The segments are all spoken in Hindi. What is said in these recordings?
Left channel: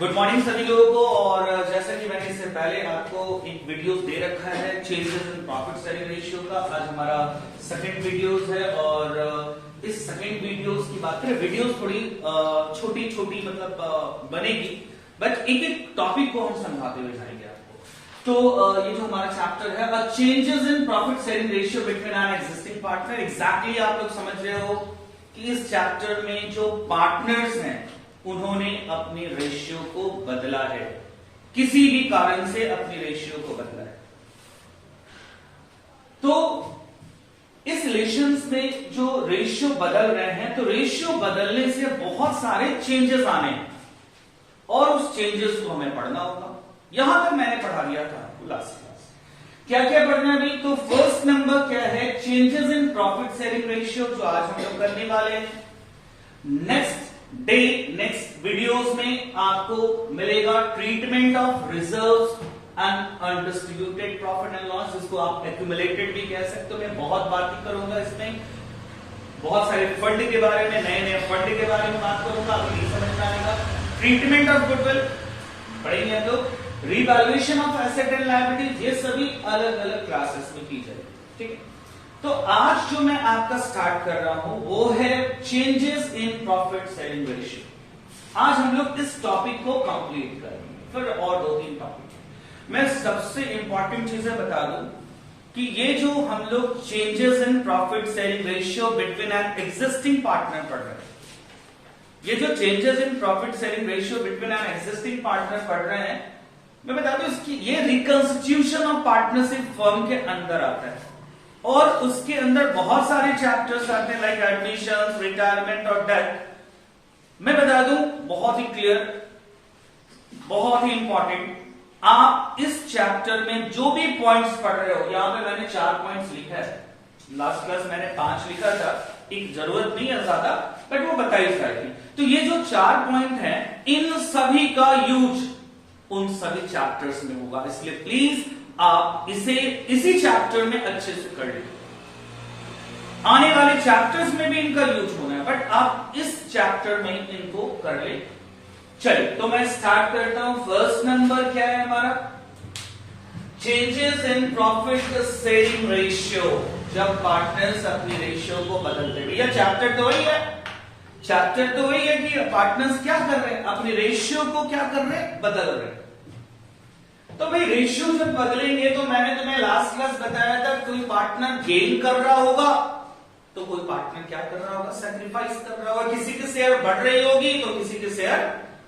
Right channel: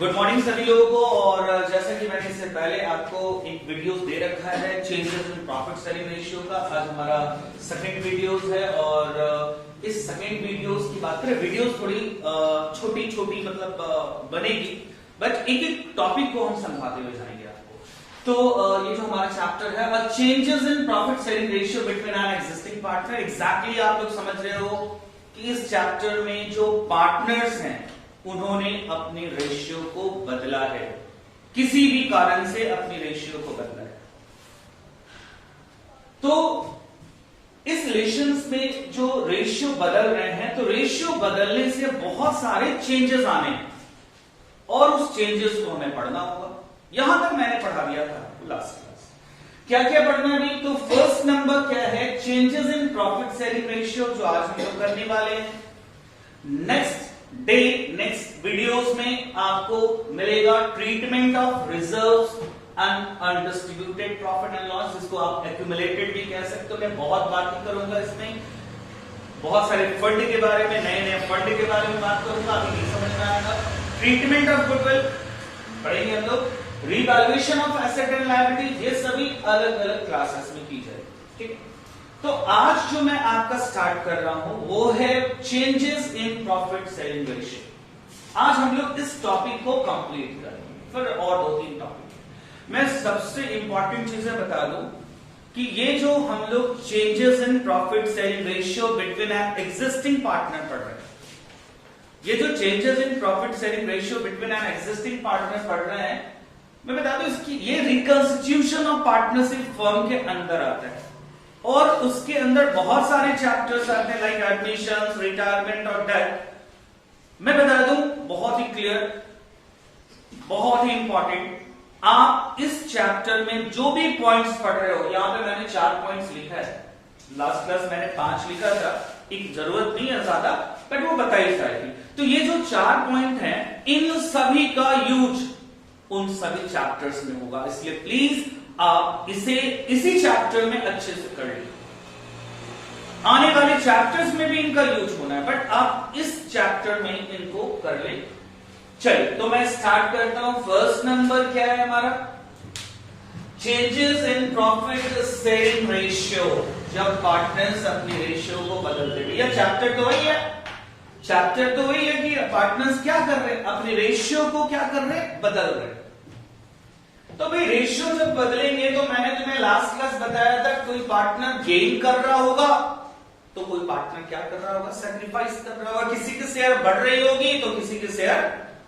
गुड मॉर्निंग सभी लोगों को। और जैसा कि मैंने इससे पहले आपको एक वीडियो दे रखा है changes in profit sharing ratio का, आज हमारा सेकंड वीडियोस है। और इस सेकंड वीडियोस की बात करें, वीडियोस थोड़ी छोटी छोटी मतलब बनेगी, बट एक एक टॉपिक को हम समझाते हुए जाएंगे आपको। तो ये जो हमारा चैप्टर है changes in profit sharing ratio between an existing partner, exactly आप लोग समझ रहे हो कि इस चैप्टर में जो पार्टनर्स हैं उन्होंने अपनी रेशियो को बदला है, किसी भी कारण से अपनी रेशियो को बदला है। तो इस रिलेशंस में जो रेशियो बदल रहे हैं, तो रेशियो बदलने से बहुत सारे चेंजेस आने हैं और उस चेंजेस को हमें पढ़ना होगा। यहां तक मैंने पढ़ा दिया था लास्ट क्लास। क्या क्या पढ़ना है? तो फर्स्ट नंबर क्या है? Changes in profit sharing ratio, जो आज हम लोग करने वाले हैं। नेक्स्ट वीडियोस में आपको मिलेगा treatment of reserves and undistributed profit and loss, जिसको आप एक्यूमुलेटेड भी कह सकते हो। मैं बहुत बात नहीं करूंगा इसमें, बहुत सारे फंड के बारे में, नए नए फंड के बारे में बात करूंगा, अभी नहीं समझ में आएगा। ट्रीटमेंट ऑफ गुडविल पढ़ेंगे हम लोग, revaluation of asset and liability, ये सभी अलग अलग क्लासेस में की जाएगी। ठीक है, तो आज जो मैं आपका स्टार्ट कर रहा हूं वो है changes in profit sharing ratio. आज हम लोग इस टॉपिक को कंप्लीट करेंगे, फिर और 2-3 टॉपिक। मैं सबसे इंपॉर्टेंट चीजें बता दूं कि ये जो हम लोग changes in profit sharing ratio between an existing partner पढ़ रहे हैं, ये जो changes in profit sharing ratio between an existing partner पढ़ रहे हैं, मैं बता दूं इसकी ये रिकंस्टिट्यूशन ऑफ पार्टनरशिप फर्म के अंदर आता है और उसके अंदर बहुत सारे चैप्टर्स आते हैं, लाइक एडमिशंस, रिटायरमेंट और डेथ। मैं बता दूं बहुत ही क्लियर, बहुत ही इंपॉर्टेंट, आप इस चैप्टर में जो भी पॉइंट्स पढ़ रहे हो, यहां पे मैंने 4 पॉइंट्स लिखा है, लास्ट क्लास मैंने 5 लिखा था, एक जरूरत नहीं है ज्यादा, बट वो बताई जाएगी। तो ये जो 4 पॉइंट हैं, इन सभी का यूज उन सभी चैप्टर्स में होगा, इसलिए प्लीज आप इसे इसी चैप्टर में अच्छे से कर लें। आने वाले चैप्टर्स में भी इनका यूज होना है, बट आप इस चैप्टर में इनको कर ले। चलिए, तो मैं स्टार्ट करता हूं। फर्स्ट नंबर क्या है हमारा? Changes in profit sharing ratio, जब पार्टनर्स अपनी रेशियो को बदलते। भैया चैप्टर तो वही है, चैप्टर तो वही है कि पार्टनर्स क्या कर रहे हैं, अपनी रेशियो को क्या कर रहे हैं, बदल रहे हैं। तो भाई रेशियो जब बदलेंगे, तो मैंने तुम्हें लास्ट क्लास बताया था, कोई पार्टनर गेन कर रहा होगा तो कोई पार्टनर क्या कर रहा होगा, सैक्रिफाइस कर रहा होगा। किसी के शेयर बढ़ रही होगी तो किसी के शेयर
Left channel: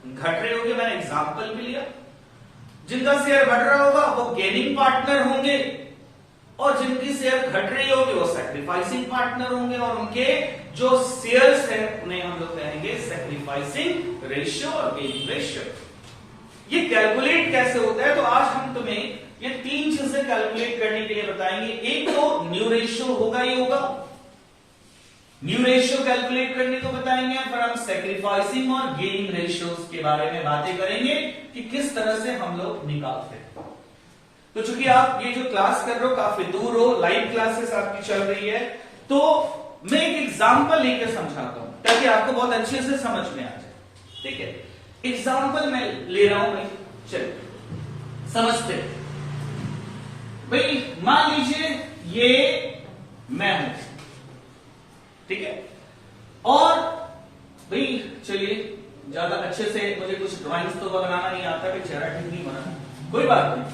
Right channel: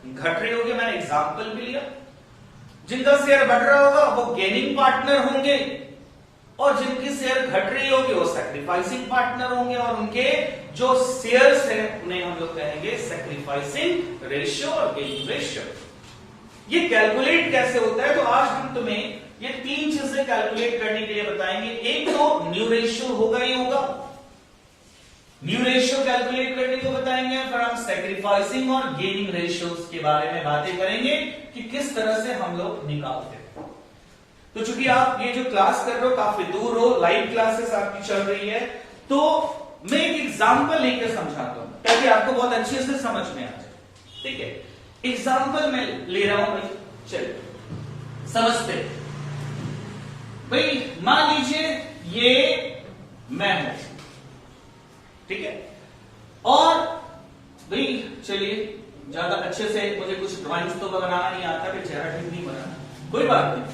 घट रही होगी। मैंने एग्जांपल भी लिया, जिनका शेयर बढ़ रहा होगा वो गेनिंग पार्टनर होंगे और जिनकी शेयर घट रही होगी वो सैक्रिफाइसिंग पार्टनर होंगे, और उनके जो शेयर्स है उन्हें हम लोग कहेंगे सैक्रिफाइसिंग रेशियो और गेनिंग रेशियो। ये कैलकुलेट कैसे होता है? तो आज हम तुम्हें ये 3 चीजें कैलकुलेट करने के लिए बताएंगे। एक तो न्यू रेशियो होगा ही होगा, न्यू रेशियो कैलकुलेट करने को बताएंगे, फिर हम सैक्रिफाइसिंग और गेनिंग रेशियोज के बारे में बातें करेंगे कि किस तरह से हम लोग निकालते हैं। तो चूंकि आप ये जो क्लास कर रहे हो काफी दूर हो, लाइव क्लासेस आपकी चल रही है, तो मैं एक एग्जाम्पल लेकर समझाता हूं ताकि आपको बहुत अच्छे से समझ में आ जाए। ठीक है, एग्जाम्पल मैं ले रहा हूं भाई, चलिए समझते हैं। भाई मान लीजिए ये मैं हूं, ठीक है, और भाई चलिए ज्यादा अच्छे से मुझे कुछ ड्राइंग्स तो बनाना नहीं आता कि चेहरा ठीक नहीं बना, कोई बात नहीं,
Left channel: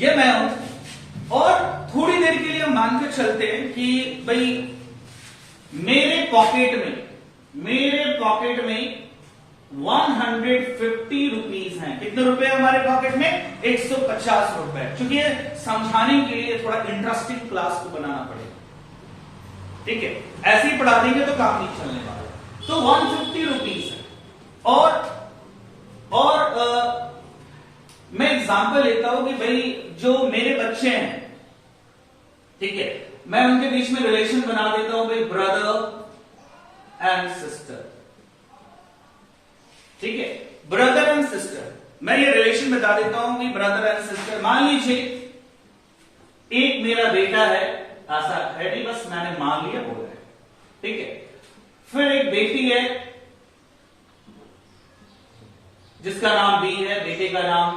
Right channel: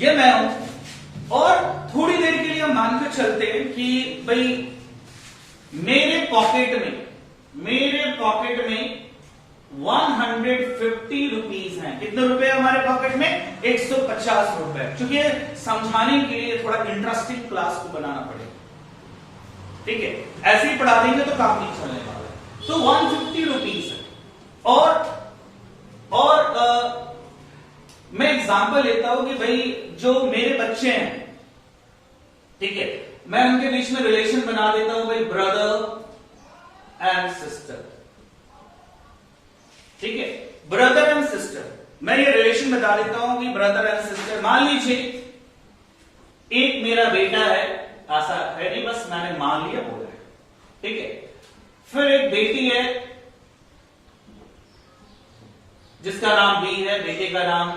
ये मैं हूं। और थोड़ी देर के लिए हम मानकर चलते हैं कि भाई मेरे पॉकेट में 150 रुपीज हैं। कितने रुपए हमारे पॉकेट में? 150 रुपए। क्योंकि समझाने के लिए थोड़ा इंटरेस्टिंग क्लास को बनाना पड़ेगा, ठीक है, ऐसे ही पढ़ा देंगे तो काम नहीं चलने वाला। तो 150 रुपीज है, और मैं एग्जांपल लेता हूं कि भाई जो मेरे बच्चे हैं, ठीक है, मैं उनके बीच में रिलेशन बना देता हूं भाई, ब्रदर एंड सिस्टर। ठीक है, ब्रदर एंड सिस्टर, मैं ये रिलेशन बता देता हूं कि ब्रदर एंड सिस्टर। मान लीजिए एक मेरा बेटा है, ऐसा है नहीं, बस मैंने मान लिया, बोला है, ठीक है। फिर एक बेटी है जिसका नाम बी है, बेटे का नाम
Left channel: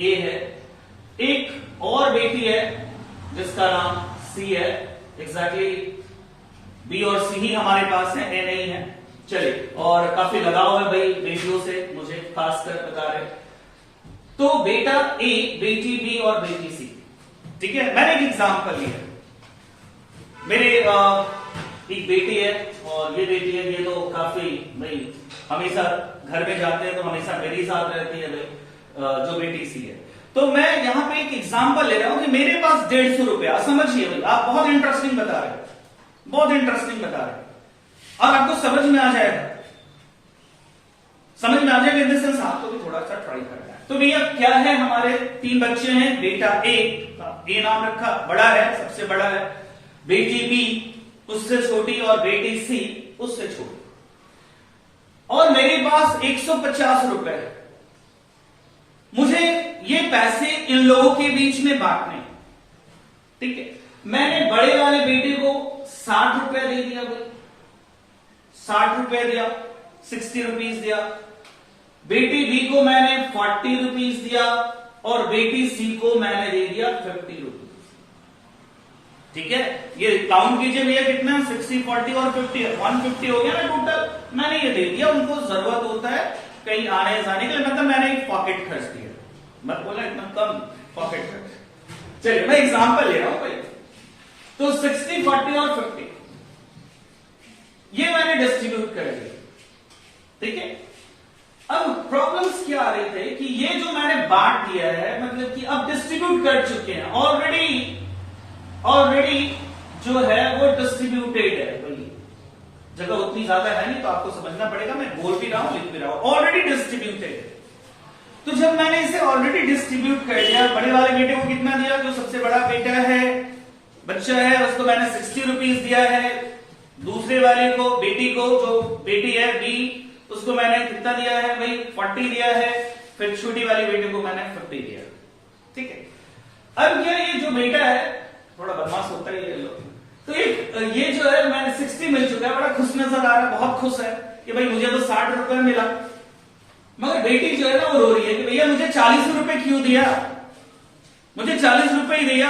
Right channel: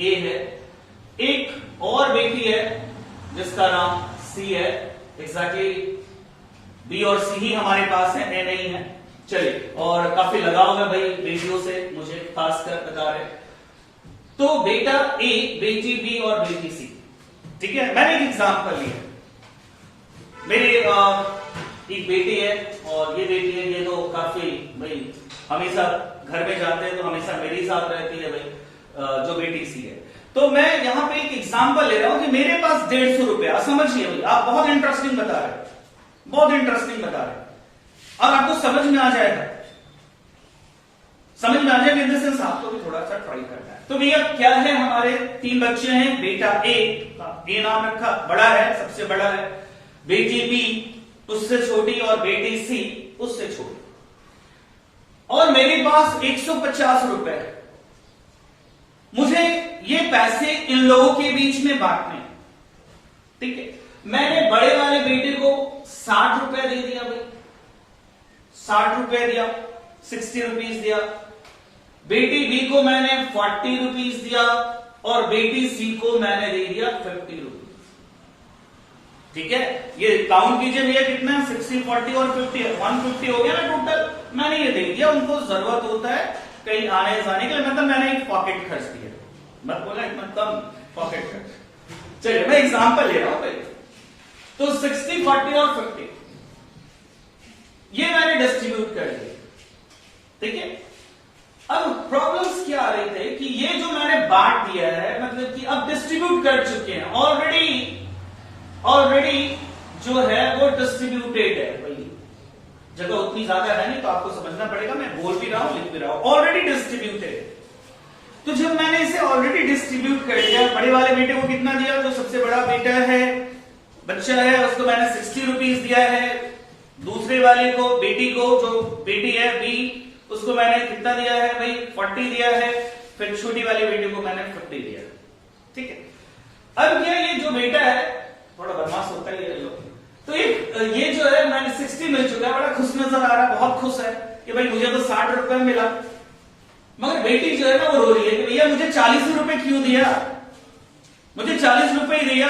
ए है। एक और बेटी है जिसका नाम सी है। एग्जैक्टली बी और सी ही हमारे पास है, ए नहीं है। चलिए, और काफी लगाव है भाई बेटियों से, मुझे खासकर बता रहे। तो बेटा ए, बेटी बी और बेटी सी, ठीक है। मैंने एक एग्जांपल लिया, मेरे एक बेटी है और ये बेटी है, ये तो काफी भाई हमेशा घर में जाते हैं तो हमेशा मेरे ही साथ रहती है भाई, जो बेटी सी है। तो मैं यहां पे एक एग्जांपल ले रहा हूं कि मेरे पास 150 रुपया, समझिए भाई, आप बहुत इंटरेस्टिंग बता रहे हैं, बहुत इंटरेस्टिंग बता रहे हैं, और आपको समझ में आ जाएगा, समझ में आ जाएगा इन द सेंस आपको भी थोड़ा सा ट्राई करना है। तो भैया क्या है, हमारे 3 बच्चे हैं, बेटा ए नाम रखा, बड़ा है, सबसे बड़ा है, बेटी बी उससे छोटी और बेटी सी उससे छोटी, और मेरे पास 150 रुपए है। मुझे ये पैसे इन लोगों के बीच में बांटने, ठीक है। मैंने बड़े वाले बेटे को 60 रुपए दे दिया भाई, 60 रुपए दिया, 60 रुपीज दिया। बेटी बी को मैंने 40 रुपीज दिया और बेटी सी को मैंने दे दिया 50 रुपीज, ठीक है। ये काउंट कीजिए भैया कितना है, 60, 40 और 50, 150 हो गया ना टोटल। मैंने ये दे दिया, उनको जरूरत होता है कहीं आने जाने के लिए, मतलब मैंने एक पॉकेट खर्च दिया, मत बोला इतना कम पॉकेट खर्च। चलिए मैं एग्जांपल ले रहा हूं पहले। तो 60, 40 और 50 ये मैंने डिस्ट्रीब्यूट कर दिया, ठीक है। अब प्रॉब्लम्स क्या आ रहे थे कि ये जो मैंने बांट दिया है, मतलब कि अब डिस्ट्रीब्यूट कर चुके हैं ऑलरेडी जो है वो डिस्ट्रीब्यूटेड है भाई, जगह उतनी ज्यादा है नहीं तो आपको समझना पड़ेगा, मैं बोल भी रहा हूं लिख भी रहा हूं, ऑलरेडी डिस्ट्रीब्यूटेड है। तो जब मैंने इसे ऑलरेडी डिस्ट्रीब्यूट कर दिया, बड़े वाले बेटे को कितना दिया, जो सबसे बड़ा बेटा है, बच्चा है, उसको मैंने 60 रुपीज दिया है। दूसरे वाले को, बेटी को, जो बेटी है बी, उसको मैंने कितना दिया है भाई, 40 दिया है। फिर छोटी वाली बेटी को मैंने 50 दिया, ठीक है। अब ये जो बेटा है थोड़ा बदमाश होता ही है लोग, तो ये जो है मैंने 60 मिल चुका है, बड़ा खुश नजर आ रहा है, बहुत खुश है कि भाई मुझे तो 60 रुपए मिला। मगर बेटी जो है ना वो रो रही है कि भैया मुझे 40 रुपए क्यों दिया, मुझे 40 रुपए ही दिया,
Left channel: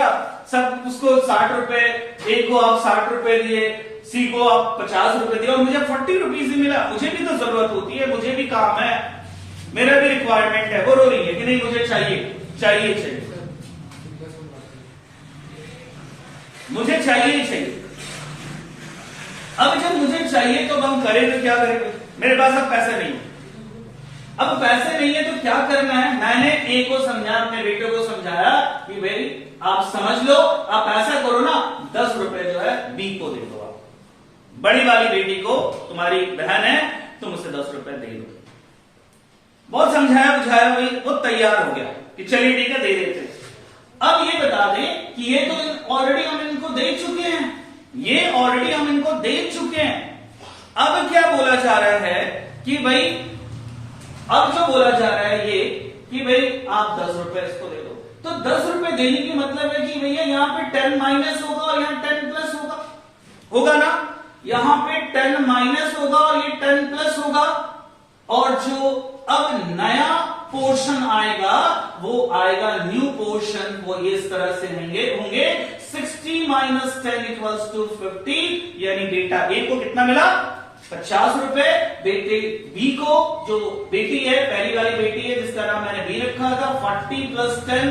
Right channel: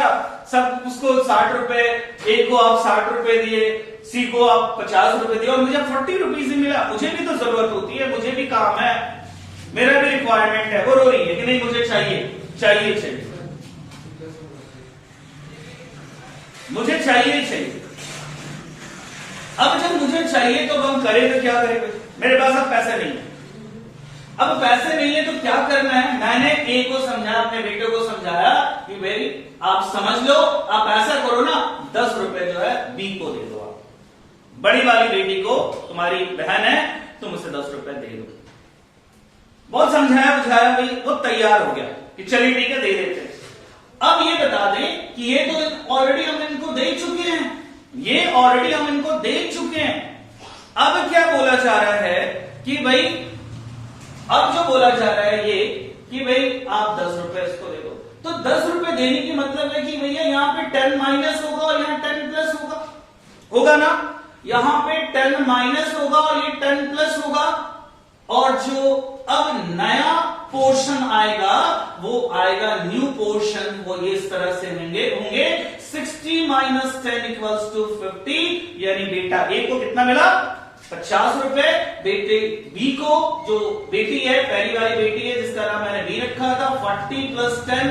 सब उसको 60 रुपए, ए को आप 60 रुपए दिए, सी को आप 50 रुपए दिए और मुझे 40 रुपीज ही मिला। मुझे भी तो जरूरत होती है, मुझे भी काम है, मेरा भी रिक्वायरमेंट है। वो रो रही है कि नहीं मुझे चाहिए चाहिए चाहिए, मुझे चाहिए। अब जब मुझे चाहिए तो हम करें तो क्या करेंगे, मेरे पास अब पैसे नहीं है। अब पैसे नहीं है तो क्या करना है, मैंने ए को समझाया, अपने बेटे को समझाया कि भाई आप समझ लो, आप ऐसा करो ना, 10 रुपए जो है बी को दे दो, आप बड़ी वाली बेटी को, तुम्हारी बहन है, तुम उसे 10 रुपए दे दो। बहुत समझाया बुझाया भाई, वो तैयार हो गया कि चलिए ठीक है दे देते हैं। अब ये बता दें कि ये तो ऑलरेडी हम इनको दे चुके हैं, ये ऑलरेडी हम इनको दे चुके हैं। अब क्या बोला जा रहा है कि भाई, अब जो बोला जा रहा है ये कि भाई आप 10 रुपए इसको दे दो। तो 10 रुपए देने की मतलब है कि भैया यहाँ पे 10 माइनस होगा और यहाँ 10 प्लस होगा ना, यहां पे 10 माइनस होगा और ये 10 प्लस होगा, और जो अब नया पोर्शन आएगा वो आएगा न्यू पोर्शन, वो इस तरह से होंगे 60 माइनस 10 इक्वल्स टू 50, यानी बेटा ए को कितना मिला, 50 रुपए, बेटे बी को, जो बेटी है, पहली वाली बेटी है जिसका नाम मैंने बी रखा था, 40 प्लस 10,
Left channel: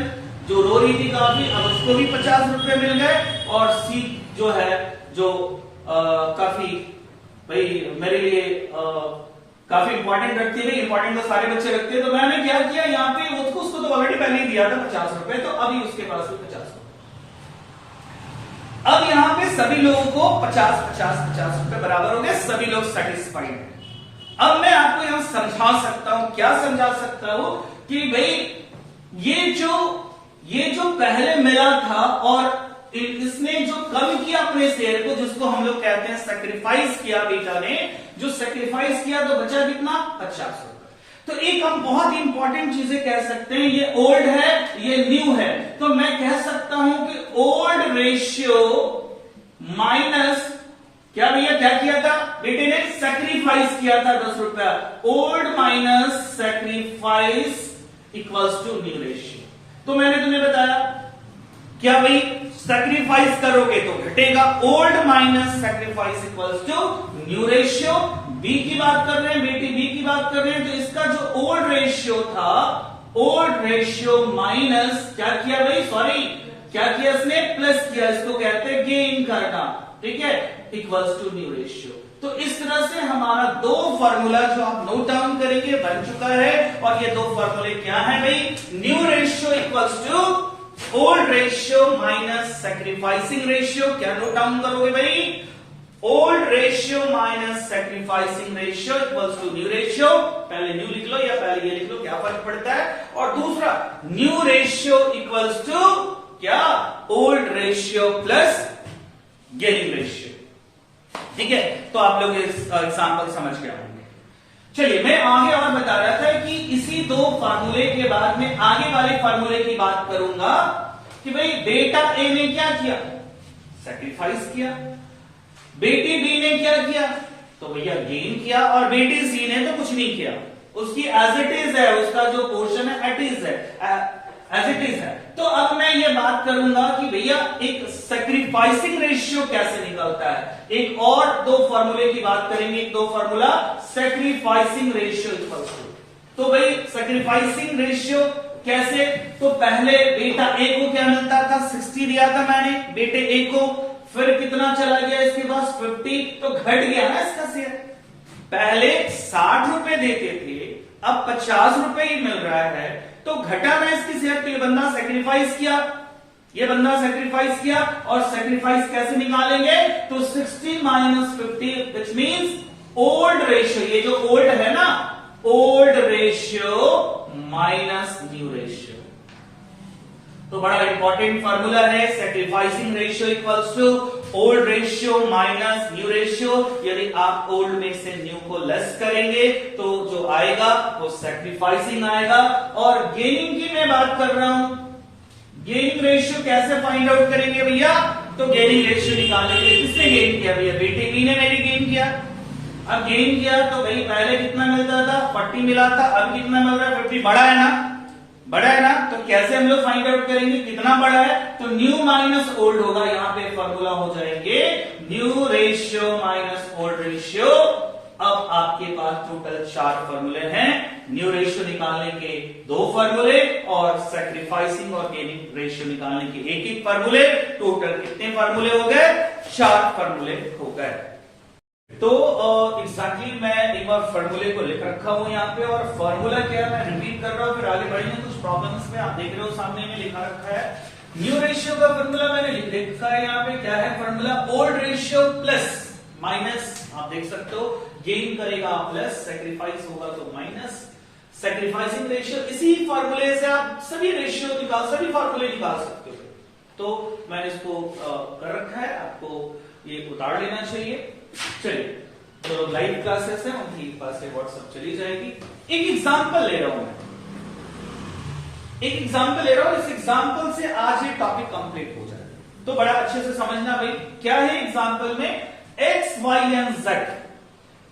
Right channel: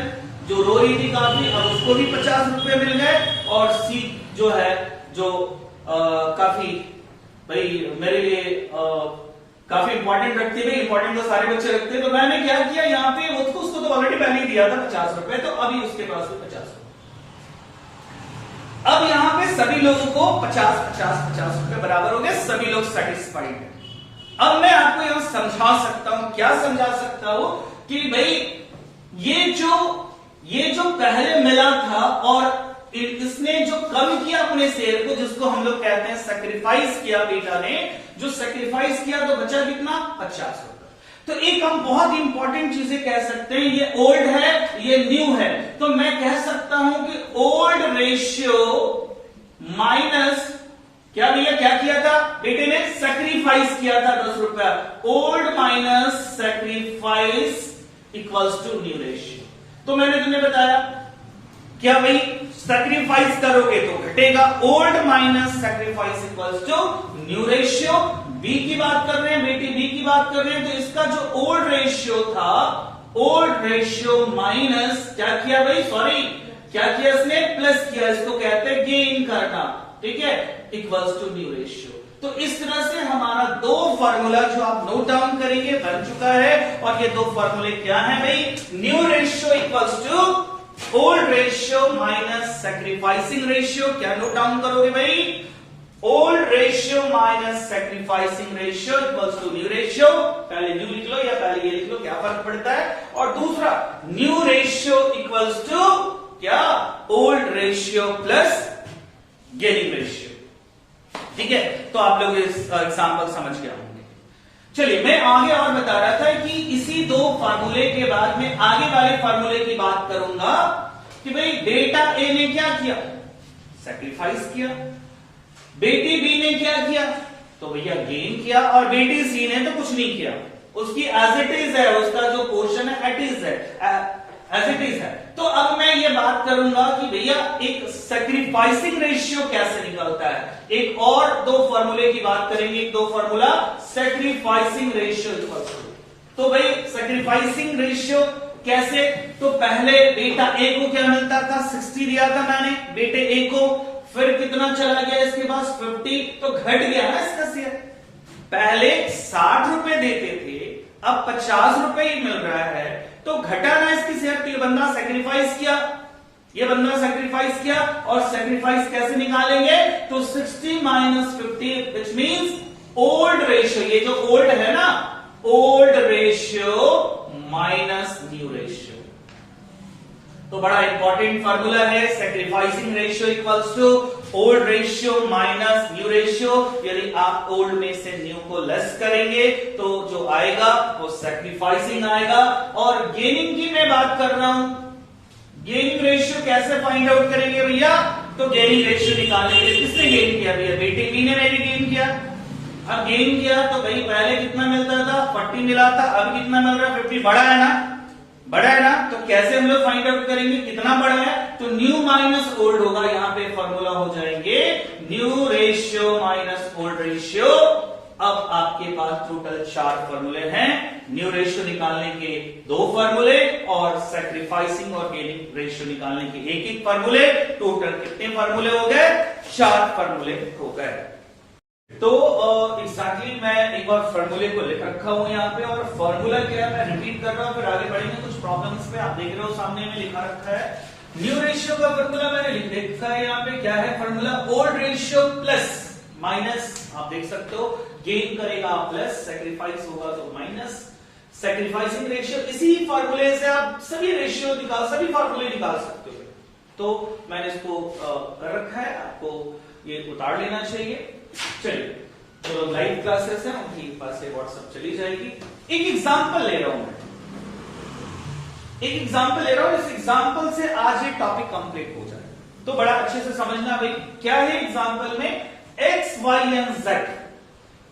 जो रो रही थी काफी, अब उसको भी 50 रुपए मिल गए। और सी जो है, जो काफी भाई मेरे लिए काफी इंपॉर्टेंट रखती है, इंपॉर्टेंट तो सारे बच्चे रखते हैं। तो मैंने क्या किया, यहाँ पे उसको तो ऑलरेडी पहले ही दिया था 50 रुपए, तो अभी उसके पास भी 50 रुपए। अब यहां पे सभी लोगों को 50 रुपए बराबर हो गए, सभी लोग सेटिस्फाइड हैं। अब मैं आपको यहां समझा सकता हूं, क्या समझा सकता हूं कि भाई ये जो पहले मिला था और इसने जो कम किया अपने शेयर को, जिसको हम लोग कहते हैं सैक्रिफाइस किया, बेटा ने जो सैक्रिफाइस किया, तो बचा कितना, 50 रुपए। तो एक हम बहुत इंपॉर्टेंट चीजें कह सकते हैं, ये ओल्ड है, ये न्यू है, तो मैं कह सकता हूं कि ओल्ड रेशियो माइनस क्या भैया क्या किया था बेटे ने? सेक्रीफाइस किया था 10 रुपया। Old minus sacrifice equals to new ratio. तो मैंने तुम्हें बताया क्या भाई, सेक्रीफाइस करोगे तो घटेगा, old minus sacrifice equals to new ratio. B की बात कर रहे हैं बेटी, बी की बात कर रहे हैं, तो इसका जो ओल्ड रेशियो था, ओल्ड रेशियो माइनस क्या किया भाई, सॉरी क्या किया इसने, प्लस किया, इसको कहते हैं गेन करना, ठीक है, इक्वल्स टू न्यू रेशियो। तो इस तरह से हमारा दो फार्मूला जो आप नोट डाउन करेंगे बन चुका है। और ये दो फार्मूले क्या है भाई, new ratio equals to old ratio minus sacrificing ratio. क्या नोट डाउन करोगे भाई, old ratio minus sacrificing ratio equals to new ratio. पहले न्यू लिख लो या पहले ये लिख लो, क्या फर्क पड़ता है। और दूसरा न्यू रेशियो इक्वल्स टू क्या, old ratio plus gaining ratio. ठीक है, तो आप लोग इस एग्जांपल समझ गए होंगे। चलिए मैं आगे और बता रहा था कि इसी दो फार्मूले के बाद में आगे वाले फार्मूले की बात करूंगा कि भाई बेटा ए ने क्या किया, सैक्रिफाइस किया, बेटी बी ने क्या किया, तो भैया गेन किया, और बेटी सी ने तो कुछ नहीं किया, उसकी एज इट इज है, उसका जो पोर्शन है एट इज है, एज इट इज है। तो अब मैं ये बात करूंगा कि भैया एक सैक्रिफाइसिंग रेशियो कैसे निकलता है। एक और दो फॉर्मूले की बात करेंगे, एक दो फॉर्मूला सैक्रिफाइसिंग रेशियो। तो भाई सैक्रिफाइसिंग रेशियो कैसे, तो पहले बेटा ए को क्या मिलता था, 60 दिया था मैंने बेटे ए को, फिर कितना चला गया इसके पास 50, तो घट गया ना इसका शेयर। पहले 60 रुपए देते थे, अब 50 रुपए ही मिल रहा है, तो घटा ना इसकी शेयर। तो ये बंदा सेक्रीफाइस किया, ये बंदा सेक्रीफाइस किया, और सेक्रीफाइस कैसे निकालेंगे, तो 60 minus 50 which means old ratio, ये जो ओल्ड है ना, old ratio minus new ratio. तो बड़ा इंपॉर्टेंट फॉर्मूला है, sacrificing ratio equals to old ratio minus new ratio. यदि आप ओल्ड में से न्यू को लेस करेंगे तो जो आएगा वो सेक्रीफाइसिंग आएगा। और गेनिंग की मैं बात कर रहा हूं, गेनिंग रेशियो कैसे फाइंड आउट करेंगे भैया, तो गेनिंग रेशियो निकालने के लिए किसने गेन किया भैया, बेटी बी ने मेरी गेन किया। अब गेन किया तो भाई पहले कितना मिलता था, 40 मिला था, अब कितना मिल रहा है 50, बड़ा है ना, बड़ा है ना। तो कैसे हम लोग फाइंड आउट करेंगे कितना बड़ा है, तो न्यू माइनस ओल्ड होगा, यहां पे फॉर्मूला हो जाएंगे new ratio minus old ratio. अब आपके पास टोटल 4 फॉर्मूले हैं, न्यू रेशियो निकालने के 2 फॉर्मूले और सैक्रिफाइसिंग और गेनिंग रेशियो निकालने के एक फॉर्मूले। टोटल कितने फॉर्मूले हो गए, 4 फॉर्मूले हो गए। तो एग्जैक्टली मैं एक बार फॉर्मूले को लिख रखा हूं यहाँ पे, और फॉर्मूला क्या है मैं रिपीट कर रहा हूं, फिर आगे बढ़ेंगे। कुछ प्रॉब्लम्स में आप देख रहे हो सामने में लिखा रखा है, न्यू रेशियो का फॉर्मूला मैंने लिख लिखा है यहाँ पे, क्या है formula, old ratio plus minus, आप देख सकते हो गेन करेगा प्लस, सेक्रीफाइस होगा तो माइनस, सेक्रीफाइसिंग रेशियो। इसी फॉर्मूले से आप सभी रेशियो निकाल, सभी फॉर्मूले निकाल सकते हो। तो मैंने इसको कर रखा है, आपको ये उतार लेना चाहिए। चलिए, जो लाइव क्लासेस हैं उनकी पास से व्हाट्सएप चली जाएगी। एक एग्जांपल ले रहा हूं मैं, एक एग्जांपल ले रहा हूं, इस एग्जांपल से आज ये टॉपिक कंप्लीट हो जाए। तो बड़ा अच्छे से समझना भाई, क्या है एग्जांपल में, X Y and Z,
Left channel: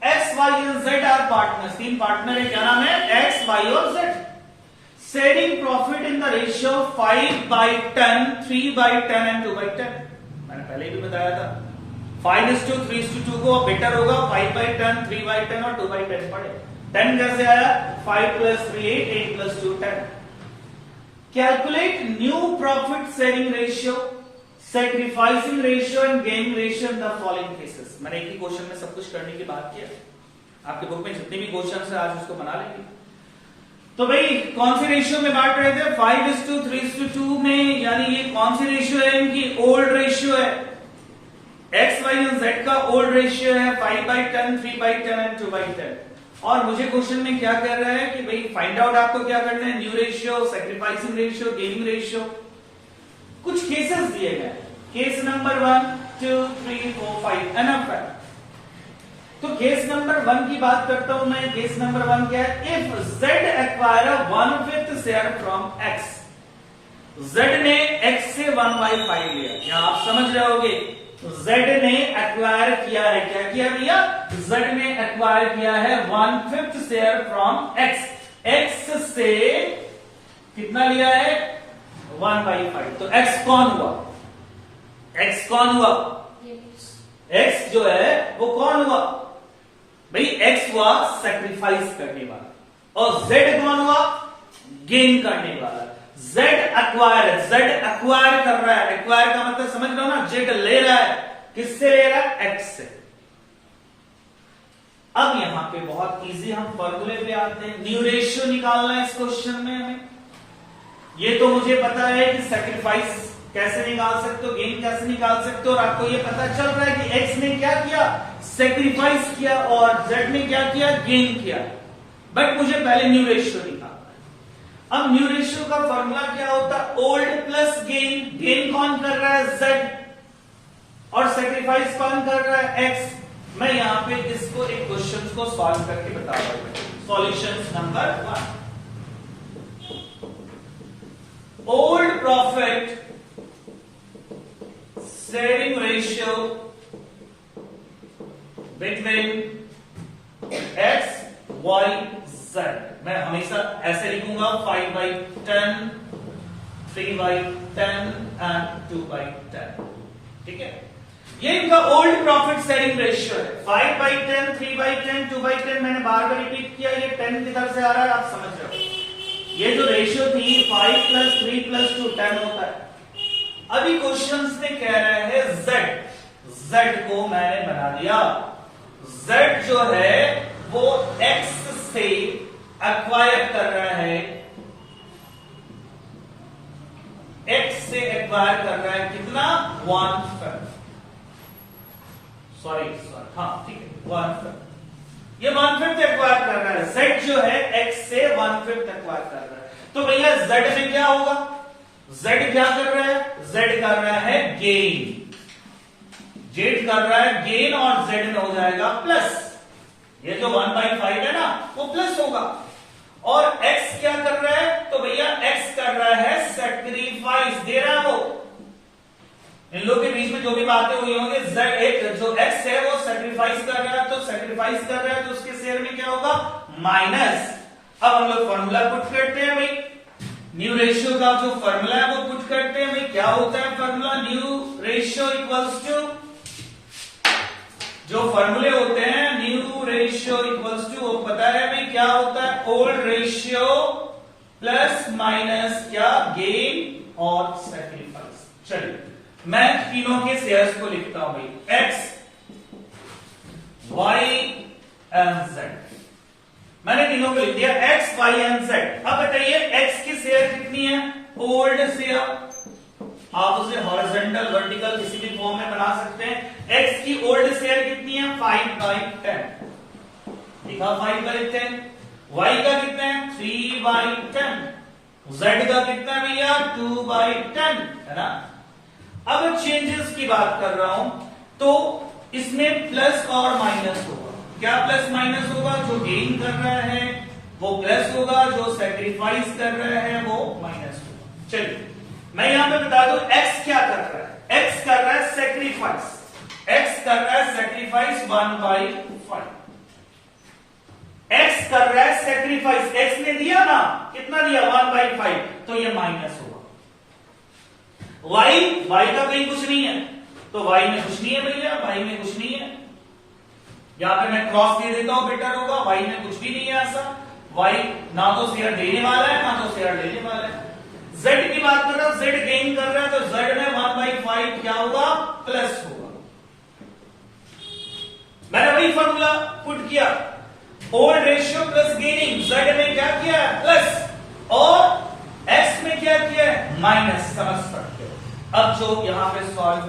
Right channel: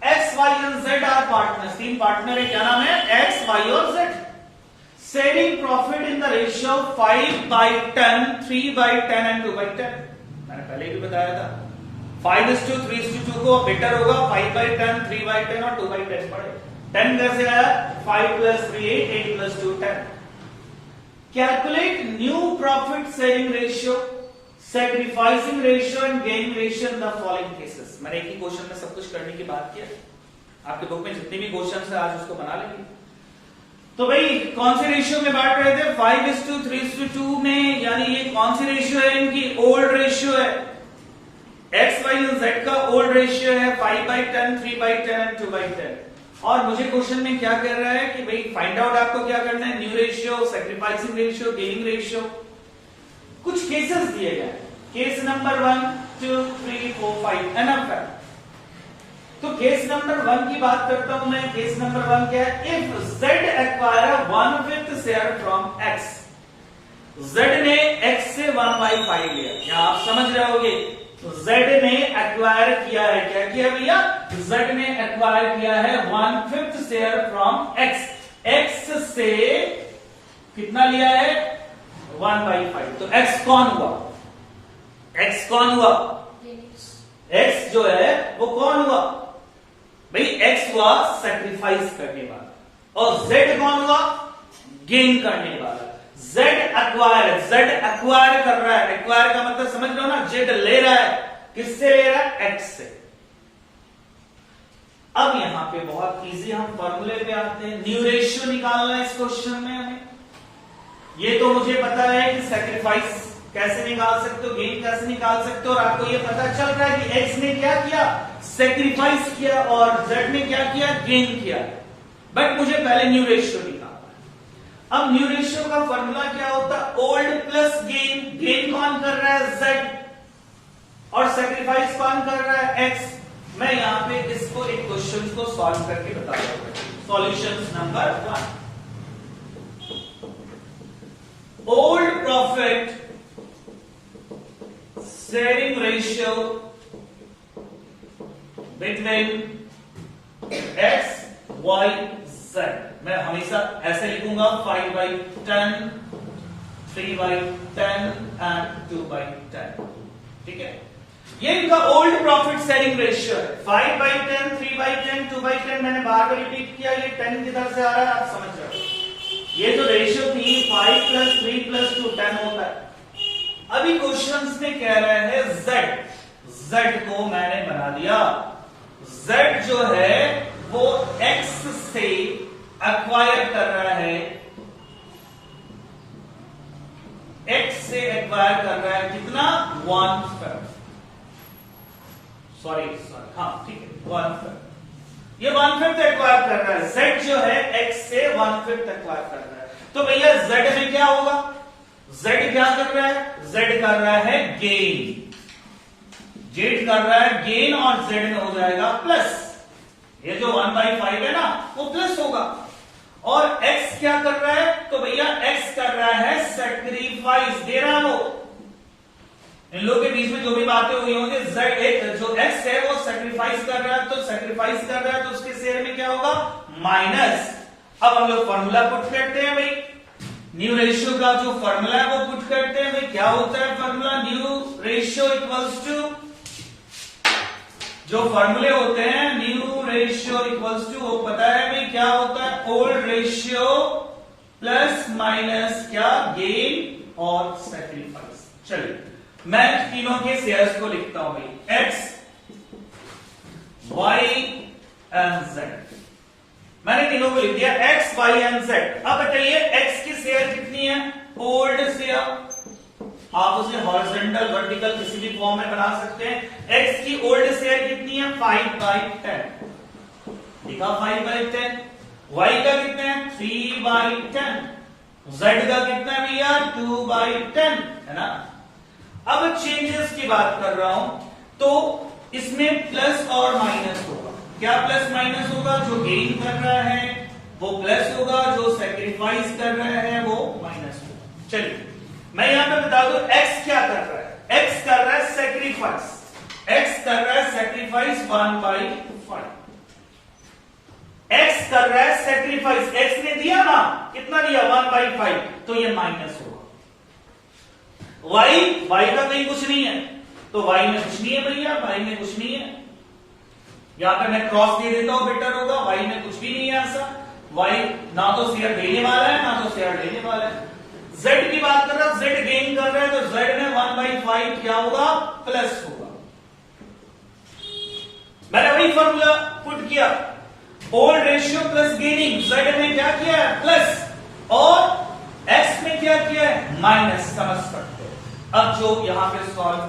X Y and Z are partners, 3 partner है, क्या नाम है, एक्स वाई और Z, sharing profit in the ratio 5/10, 3/10 and 2/10। मैंने पहले भी बताया था 5:3:2 को बेटर होगा 5/10, 3/10 और 2/10 पड़े। 10 कैसे आया, 5 + 3 8, 8 + 2 10। Calculate new profit sharing ratio, sacrificing ratio and gain ratio in the following cases. मैंने एक ही क्वेश्चन में सब कुछ करने की बात किया, आपके बुक में जितने भी क्वेश्चन है आज उसको बना लेंगे। तो भाई कौन से रेशियो में बांट रहे थे, 5:3:2 में, यानी ये कौन सी रेशियो है, इनकी ओल्ड रेशियो है, एक्स वाई एंड जेड का ओल्ड रेशियो है 5/10, 3/10 एंड 2/10। और मुझे क्वेश्चन में क्या कह रहा है कि भाई फाइंड आउट आपको क्या करना है, new ratio, sacrificing ratio, gaining ratio. कुछ केसेस दिए गए, केस नंबर 1 2 3 4 5 एनफ है। तो केस नंबर 1 की बात करता हूं मैं। केस नंबर 1 क्या है, if Z acquire 1/5 share from x, Z ने एक्स से 1/5 लिया। यहां आप समझ रहे होगे Z ने एक्वायर किया है, क्या किया भैया? Z ने एक्वायर किया है 1/5 शेयर फ्रॉम X। X से कितना लिया है? 1/5। तो X कौन हुआ? X कौन हुआ? X जो है वो कौन हुआ भाई? X हुआ सेक्रीफाइस करने वाला और Z कौन हुआ? गेन करने वाला। Z एक्वायर है, Z एक्वायर कर रहा है। एक्वायर का मतलब समझ लो ना, Z ले रहा है। किससे ले रहा है? X से। अब यहां पे बहुत इजी हम फॉर्मूले पे आते हैं। न्यू रेशियो निकालना है इस क्वेश्चन में हमें। ये तो मुझे पता है कि सैक्रिफाइस कैसे निकाल सकते हो, गेन कैसे निकाल सकते हो, और आपको ये पता चल रहा है कि X ने क्या किया? सैक्रिफाइस किया, और Z ने क्या किया? गेन किया। बट मुझे पहले न्यू रेशियो निकालना है। अब न्यू रेशियो का फॉर्मूला क्या होता है? Old plus gain. गेन कौन कर रहा है? Z। और सैक्रिफाइस कौन कर रहा है? X। मैं यहां पे इसको एक क्वेश्चन को सॉल्व करके बता रहा हूं। Solution number 1। Old profit sharing ratio between X, Y, Z। मैं हमेशा ऐसे लिखूंगा 5/10, 3/10 एंड 2/10। ठीक है, ये इनका ओल्ड प्रॉफिट शेयरिंग रेशियो है। 5/10, 3/10, 2/10। मैंने बार बार रिपीट किया, ये 10 किधर से आ रहा है आप समझ रहे हो। ये जो रेशियो थी 5 + 3 + 2 10 होता है। अभी क्वेश्चंस में कह रहा है Z को मैंने बना दिया। Z जो है वो X से एक्वायर कर रहा है, X से एक्वायर कर रहा है कितना? 1/5। सॉरी हाँ ठीक है 1/5। ये 1/5 एक्वायर कर रहा है। Z जो है X से 1/5 एक्वायर कर रहा है। तो भैया Z में क्या होगा? Z क्या कर रहा है? Z कर रहा है गेन। Z कर रहा है गेन और Z में हो जाएगा प्लस। ये जो 1/5 है ना वो प्लस होगा। और X क्या कर रहा है? तो भैया X कर रहा है सैक्रिफाइस, दे रहा है वो। इन लोगों के बीच में जो भी बातें हुई होंगी, जो X है वो सैक्रिफाइस कर रहा है, तो सैक्रिफाइस कर रहा है तो उसके शेयर में क्या होगा? माइनस। अब हम लोग फॉर्मूला पुट करते हैं भाई। न्यू रेशियो का जो फॉर्मूला है वो पुट करते हैं भाई। क्या होता है formula? New ratio equals to, जो फॉर्मूले होते हैं न्यू रेशियो इक्वल्स टू, वो पता है भाई क्या होता है? ओल्ड रेशियो प्लस माइनस क्या? गेन और सैक्रिफाइस। चलिए मैं तीनों के शेयर्स को लिखता हूं भाई। X, Y and Z। मैंने तीनों को लिख दिया X, Y एंड Z। अब बताइए X की शेयर कितनी है? Old share. आप उसे हॉरिजॉन्टल वर्टिकल किसी भी फॉर्म में बना सकते हैं। X की ओल्ड शेयर कितनी है? 5/10। लिखा 5/10। Y का कितने हैं? 3/10। Z का कितना है भैया? 2/10 है ना। अब चेंजेस की बात कर रहा हूं तो इसमें प्लस और माइनस होगा। क्या प्लस माइनस होगा? जो गेन कर रहा है वो प्लस होगा, जो सैक्रिफाइस कर रहा है वो माइनस होगा। चलिए मैं यहां पे बता दूं X क्या कर रहा है। X कर रहा है सैक्रिफाइस। X कर रहा है सैक्रिफाइस 1/5। X कर रहा है सैक्रिफाइस। X ने दिया ना, कितना दिया? 1/5। तो ये माइनस होगा। Y का कहीं कुछ नहीं है, तो Y में कुछ नहीं है भैया, Y में कुछ नहीं है। यहां पे मैं क्रॉस दे देता हूं, बेटर होगा। Y में कुछ भी नहीं है ऐसा। Y ना तो शेयर देने वाला है ना तो शेयर लेने वाला है। Z की बात कर रहा है, Z गेन कर रहा है, तो Z में 1/5 क्या होगा? प्लस होगा। मैंने वही फॉर्मूला पुट किया। Old ratio plus gaining. Z में क्या किया है? प्लस, और X में क्या किया है? माइनस। समझ सकते हैं। अब जो यहां पे सॉल्व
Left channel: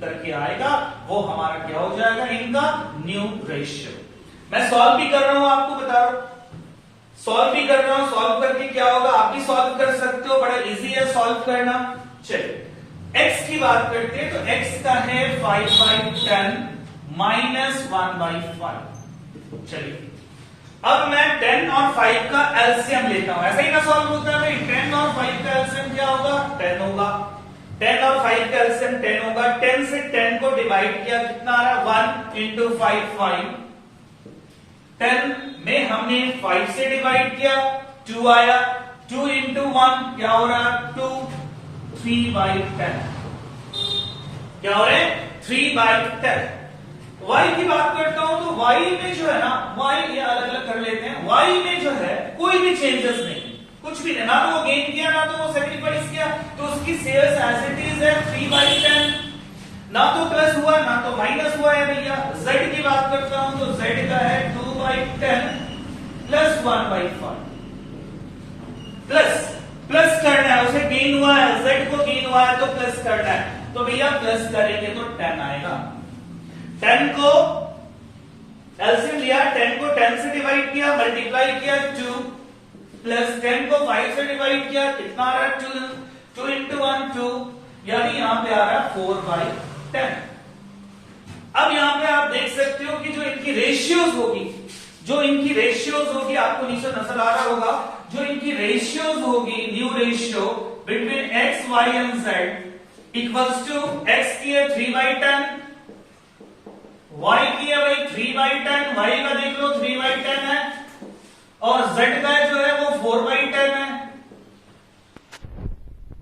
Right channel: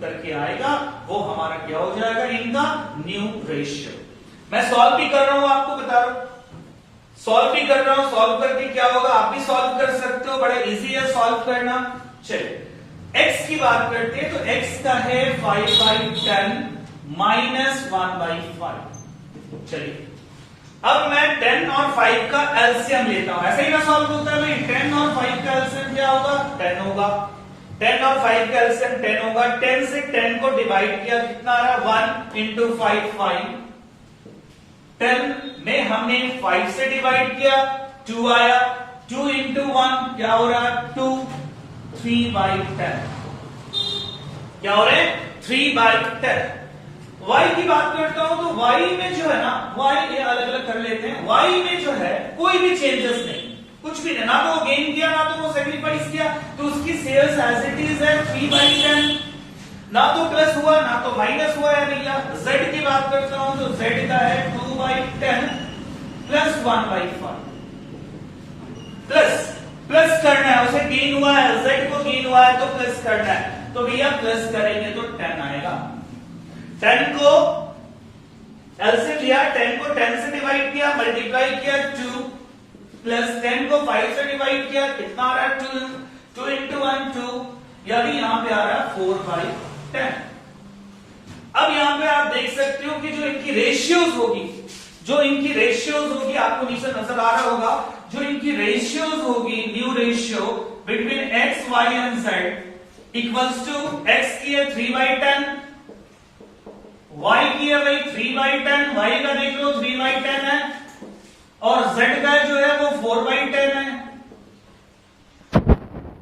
करके आएगा वो हमारा क्या हो जाएगा? इनका न्यू रेशियो। मैं सॉल्व भी कर रहा हूं, आपको बता रहा हूं, सॉल्व भी कर रहा हूं। सॉल्व करके क्या होगा आप भी सॉल्व कर सकते हो, बड़ा इजी है सॉल्व करना। चलिए X की बात करते हैं तो X का है 5/10 माइनस 1/5। चलिए अब मैं 10 और 5 का एलसीएम लेता हूं। ऐसे ही ना सॉल्व होता है भाई। 10 और 5 का एलसीएम क्या होगा? 10 होगा। 10 और 5 का एलसीएम 10 होगा। 10 से 10 को डिवाइड किया, कितना आ रहा? 1 इंटू 5 5। 10 में हमने 5 से डिवाइड किया, 2 आया। 2 इंटू 1 क्या हो रहा? 2। 3/10 क्या हो रहा है? 3/10। y की बात करता हूं तो y में जो है ना, y ये अलग अलग कर लेते हैं। y में जो है कोई भी चेंजेस नहीं, कुछ भी नहीं, ना तो वो गेन किया ना तो वो सेक्रीफाइस किया, तो उसकी सेल्स एज इट इज है 3/10। ना तो प्लस हुआ ना तो माइनस हुआ है भैया। z की बात करता हूं तो z का है 2/10 प्लस 1/5 प्लस करना है, उसे गेन हुआ है, z को गेन हुआ है तो प्लस करना है, तो भैया प्लस करेंगे तो 10 आएगा। 10 को एलसीएम लिया, 10 को 10 से डिवाइड किया, मल्टीप्लाई किया 2 प्लस 10 को 5 से डिवाइड किया, कितना आ रहा है? 2 इंटू 1 2, यानी यहां पे आ रहा है 4/10। अब यहां पे आप देख सकते हो कि जो इनकी रेशियोज होगी, आपको नीचे नजर आ रहा होगा, जो इनकी रेशियोज होगी, new ratio between x, y and z equals to x की है 3/10, y की है भाई 3/10, y का देख लो 3/10 है, और z का जो है वो 4/10 है।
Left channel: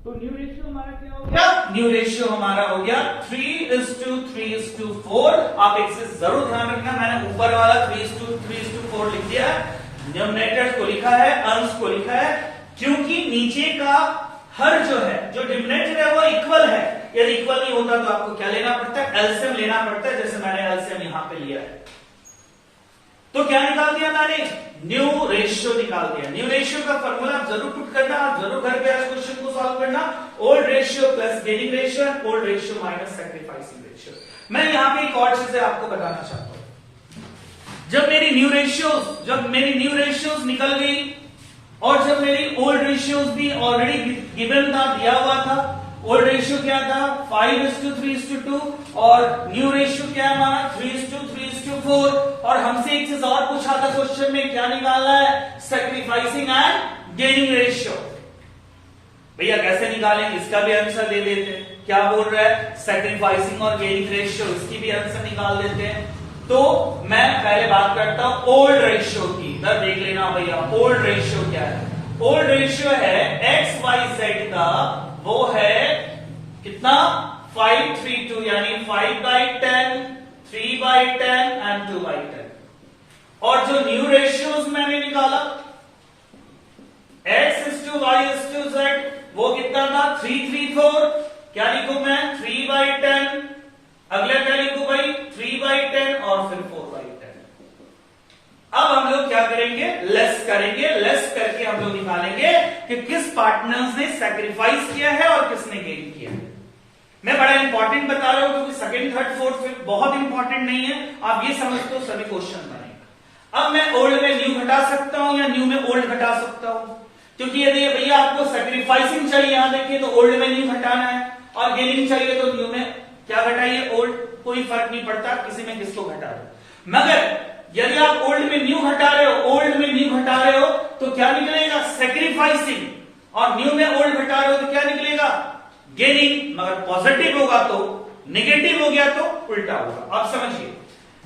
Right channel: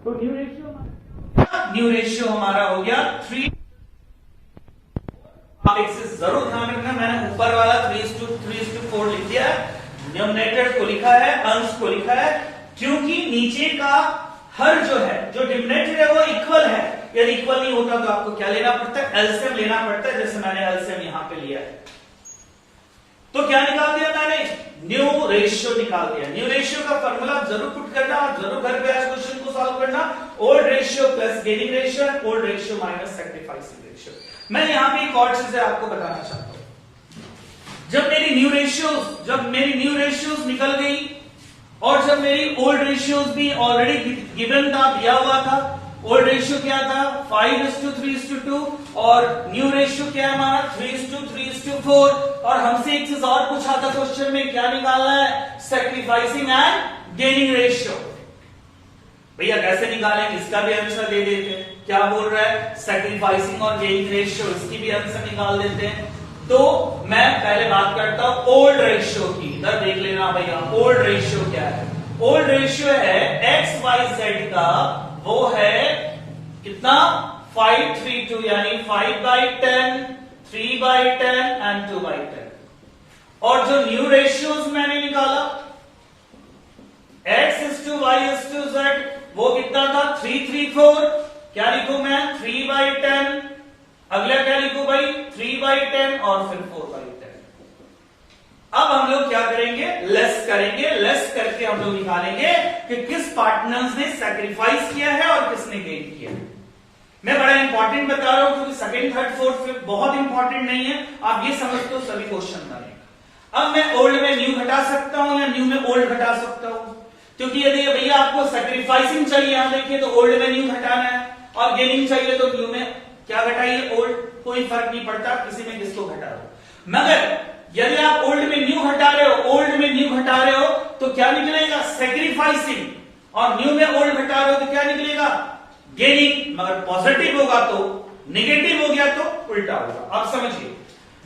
तो न्यू रेशियो हमारा क्या हो गया? न्यू रेशियो हमारा हो गया 3:3:4। आप एक चीज जरूर ध्यान रखना, मैंने ऊपर वाला 3:3:4 लिख दिया है, डिनोमिनेटर को लिखा है, अंश को लिखा है, क्योंकि नीचे का हर जो है, जो डिनोमिनेटर है वो इक्वल है। यदि इक्वल नहीं होता तो आपको क्या लेना पड़ता है? एलसीएम लेना पड़ता है, जैसे मैंने एलसीएम यहां पे लिया है। तो क्या निकाल दिया मैंने? न्यू रेशियो निकाल दिया। न्यू रेशियो का फॉर्मूला आप जरूर पुट करना, आप जरूर घर पे आज क्वेश्चन को सॉल्व करना। Old ratio plus gaining ratio, old ratio minus sacrificing ratio. मैं यहां पे एक और चीजें आपको बताना चाहता हूं। जब मेरी न्यू रेशियोज निकल गई और जब मेरी ओल्ड रेशियोज भी ऑलरेडी गिवन था, दिया हुआ था, ओल्ड रेशियो क्या था? 5:3:2 और न्यू रेशियो क्या है हमारा? 3:3:4। और हमसे एक चीज और पूछा था क्वेश्चन में, क्या निकालना है? Sacrificing and gaining ratio. भैया कैसे निकालेंगे? इसका भी आंसर दे देते हैं। क्या बोल रहा है? सैक्रिफाइसिंग और गेनिंग रेशियो, इसकी भी आंसर निकाल देते हैं। तो मैं पहले बात करता हूं ओल्ड रेशियो की। इधर देख लेना भैया, ओल्ड रेशियो क्या है? ओल्ड रेशियो है एक्स वाई जेड का, वो है कितना? 5:3:2, यानी 5/10, 3/10 एंड 2/10। और जो न्यू रेशियोज मैंने निकाला x:y:z, वो कितना था? 3:3:4। क्या लिखूं मैं? 3/10। अगला क्या लिखूं भाई? 3/10 और फिर 4/10। अब हम लोग क्या करेंगे? लेस करेंगे। लेस करके हम लोग निकालेंगे कि किस पार्टनर्स ने सैक्रिफाइस किया है और किसने गेन किया है। मैं बड़ा इंपॉर्टेंट बता रहा हूं क्योंकि सेकंड, थर्ड, फोर्थ, फिफ्थ बहुत इंपॉर्टेंट नहीं है। आप ये समझते हो सभी क्वेश्चन बनेगा। अब मैं ओल्ड में न्यू घटा सकता हूं या न्यू में ओल्ड घटा सकता हूं, क्योंकि यदि भैया आपको सैक्रिफाइसिंग चाहिए, यहां देखिए तो ओल्ड में न्यू घटाना है, और गेनिंग चाहिए तो न्यू में क्या घटाइए? ओल्ड। कोई फर्क नहीं पड़ता किसी में किसको घटा रहे हो। मगर यदि आप ओल्ड में न्यू घटा रहे हो, तो क्या निकलेगा? सैक्रिफाइसिंग। और न्यू में ओल्ड घटा रहे हो तो क्या निकलेगा? गेनिंग। मगर पॉजिटिव होगा तो, नेगेटिव हो गया तो उल्टा होगा। आप समझिए।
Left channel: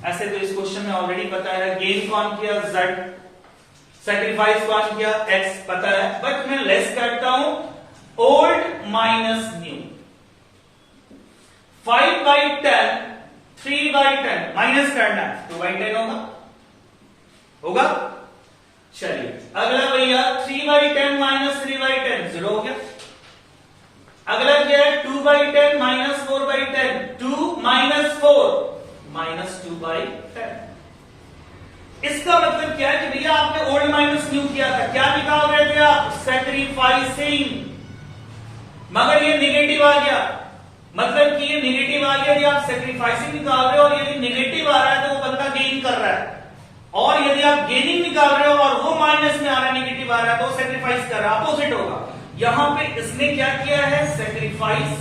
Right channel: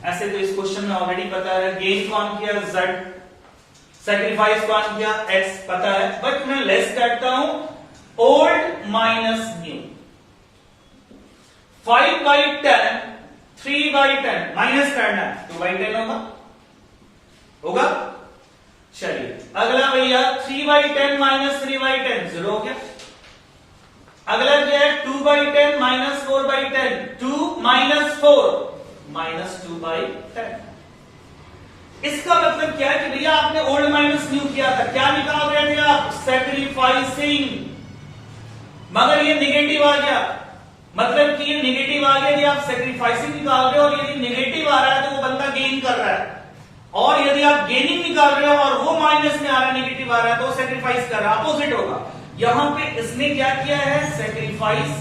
ऐसे तो इस क्वेश्चन में ऑलरेडी पता है, गेन कौन किया? Z, सैक्रिफाइस कौन किया? X पता है। बट मैं लेस करता हूं ओल्ड माइनस न्यू। 5/10, 3/10 माइनस करना है, 2/10 होगा। चलिए अगला भैया 3/10 माइनस 3/10 0 हो गया। अगला क्या है? 2/10 माइनस 4/10, 2 माइनस 4 माइनस 2/10। इसका मतलब क्या है कि भैया आपने ओल्ड माइनस न्यू किया था, क्या निकाल रहे थे आप? सैक्रिफाइसिंग। मगर ये निगेटिव आ गया, मतलब कि ये निगेटिव आ गया। यदि आप सैक्रिफाइसिंग निकाल रहे हो और यदि निगेटिव आ रहा है तो वो बंदा गेन कर रहा है, और यदि आप गेनिंग निकाल रहे हो और वो माइनस में आ रहा है, निगेटिव आ रहा है, तो सैक्रिफाइस कर रहा है, अपोजिट होगा। यहां पे इसने क्या किया है? सैक्रिफाइस,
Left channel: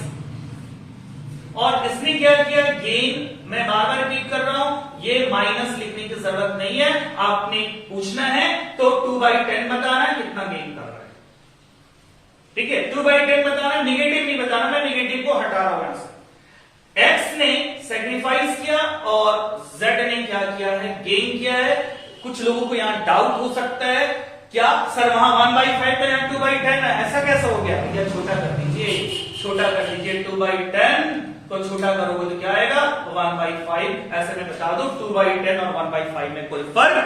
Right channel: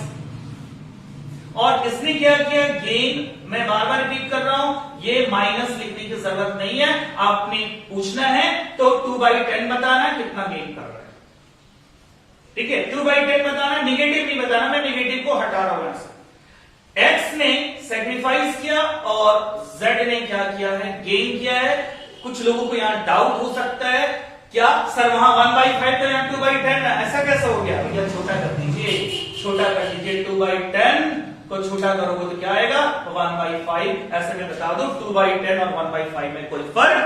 और इसने क्या किया? गेन। मैं बार बार रिपीट कर रहा हूं, ये माइनस लिखने की जरूरत नहीं है। आपने पूछना है तो 2/10 बताना है कितना गेन कर रहा है। ठीक है, 2/10 बताना, निगेटिव नहीं बताना, मैं निगेटिव को हटा रहा हूं यहां से। एक्स ने सेक्रीफाइस किया और जेड ने क्या किया है, गेन किया है। कुछ लोगों को यहां डाउट हो सकता है, क्या सर वहां 1/5 था, यहां 2/10 है, ऐसा कैसे हो गया? भैया छोटा कर दीजिए, छोटा कर दीजिए, 2/10 को छोटा करोगे तो क्या आएगा, 1/5। ऐसे मैं बता दूं 2/10 और 1/5 में कोई फर्क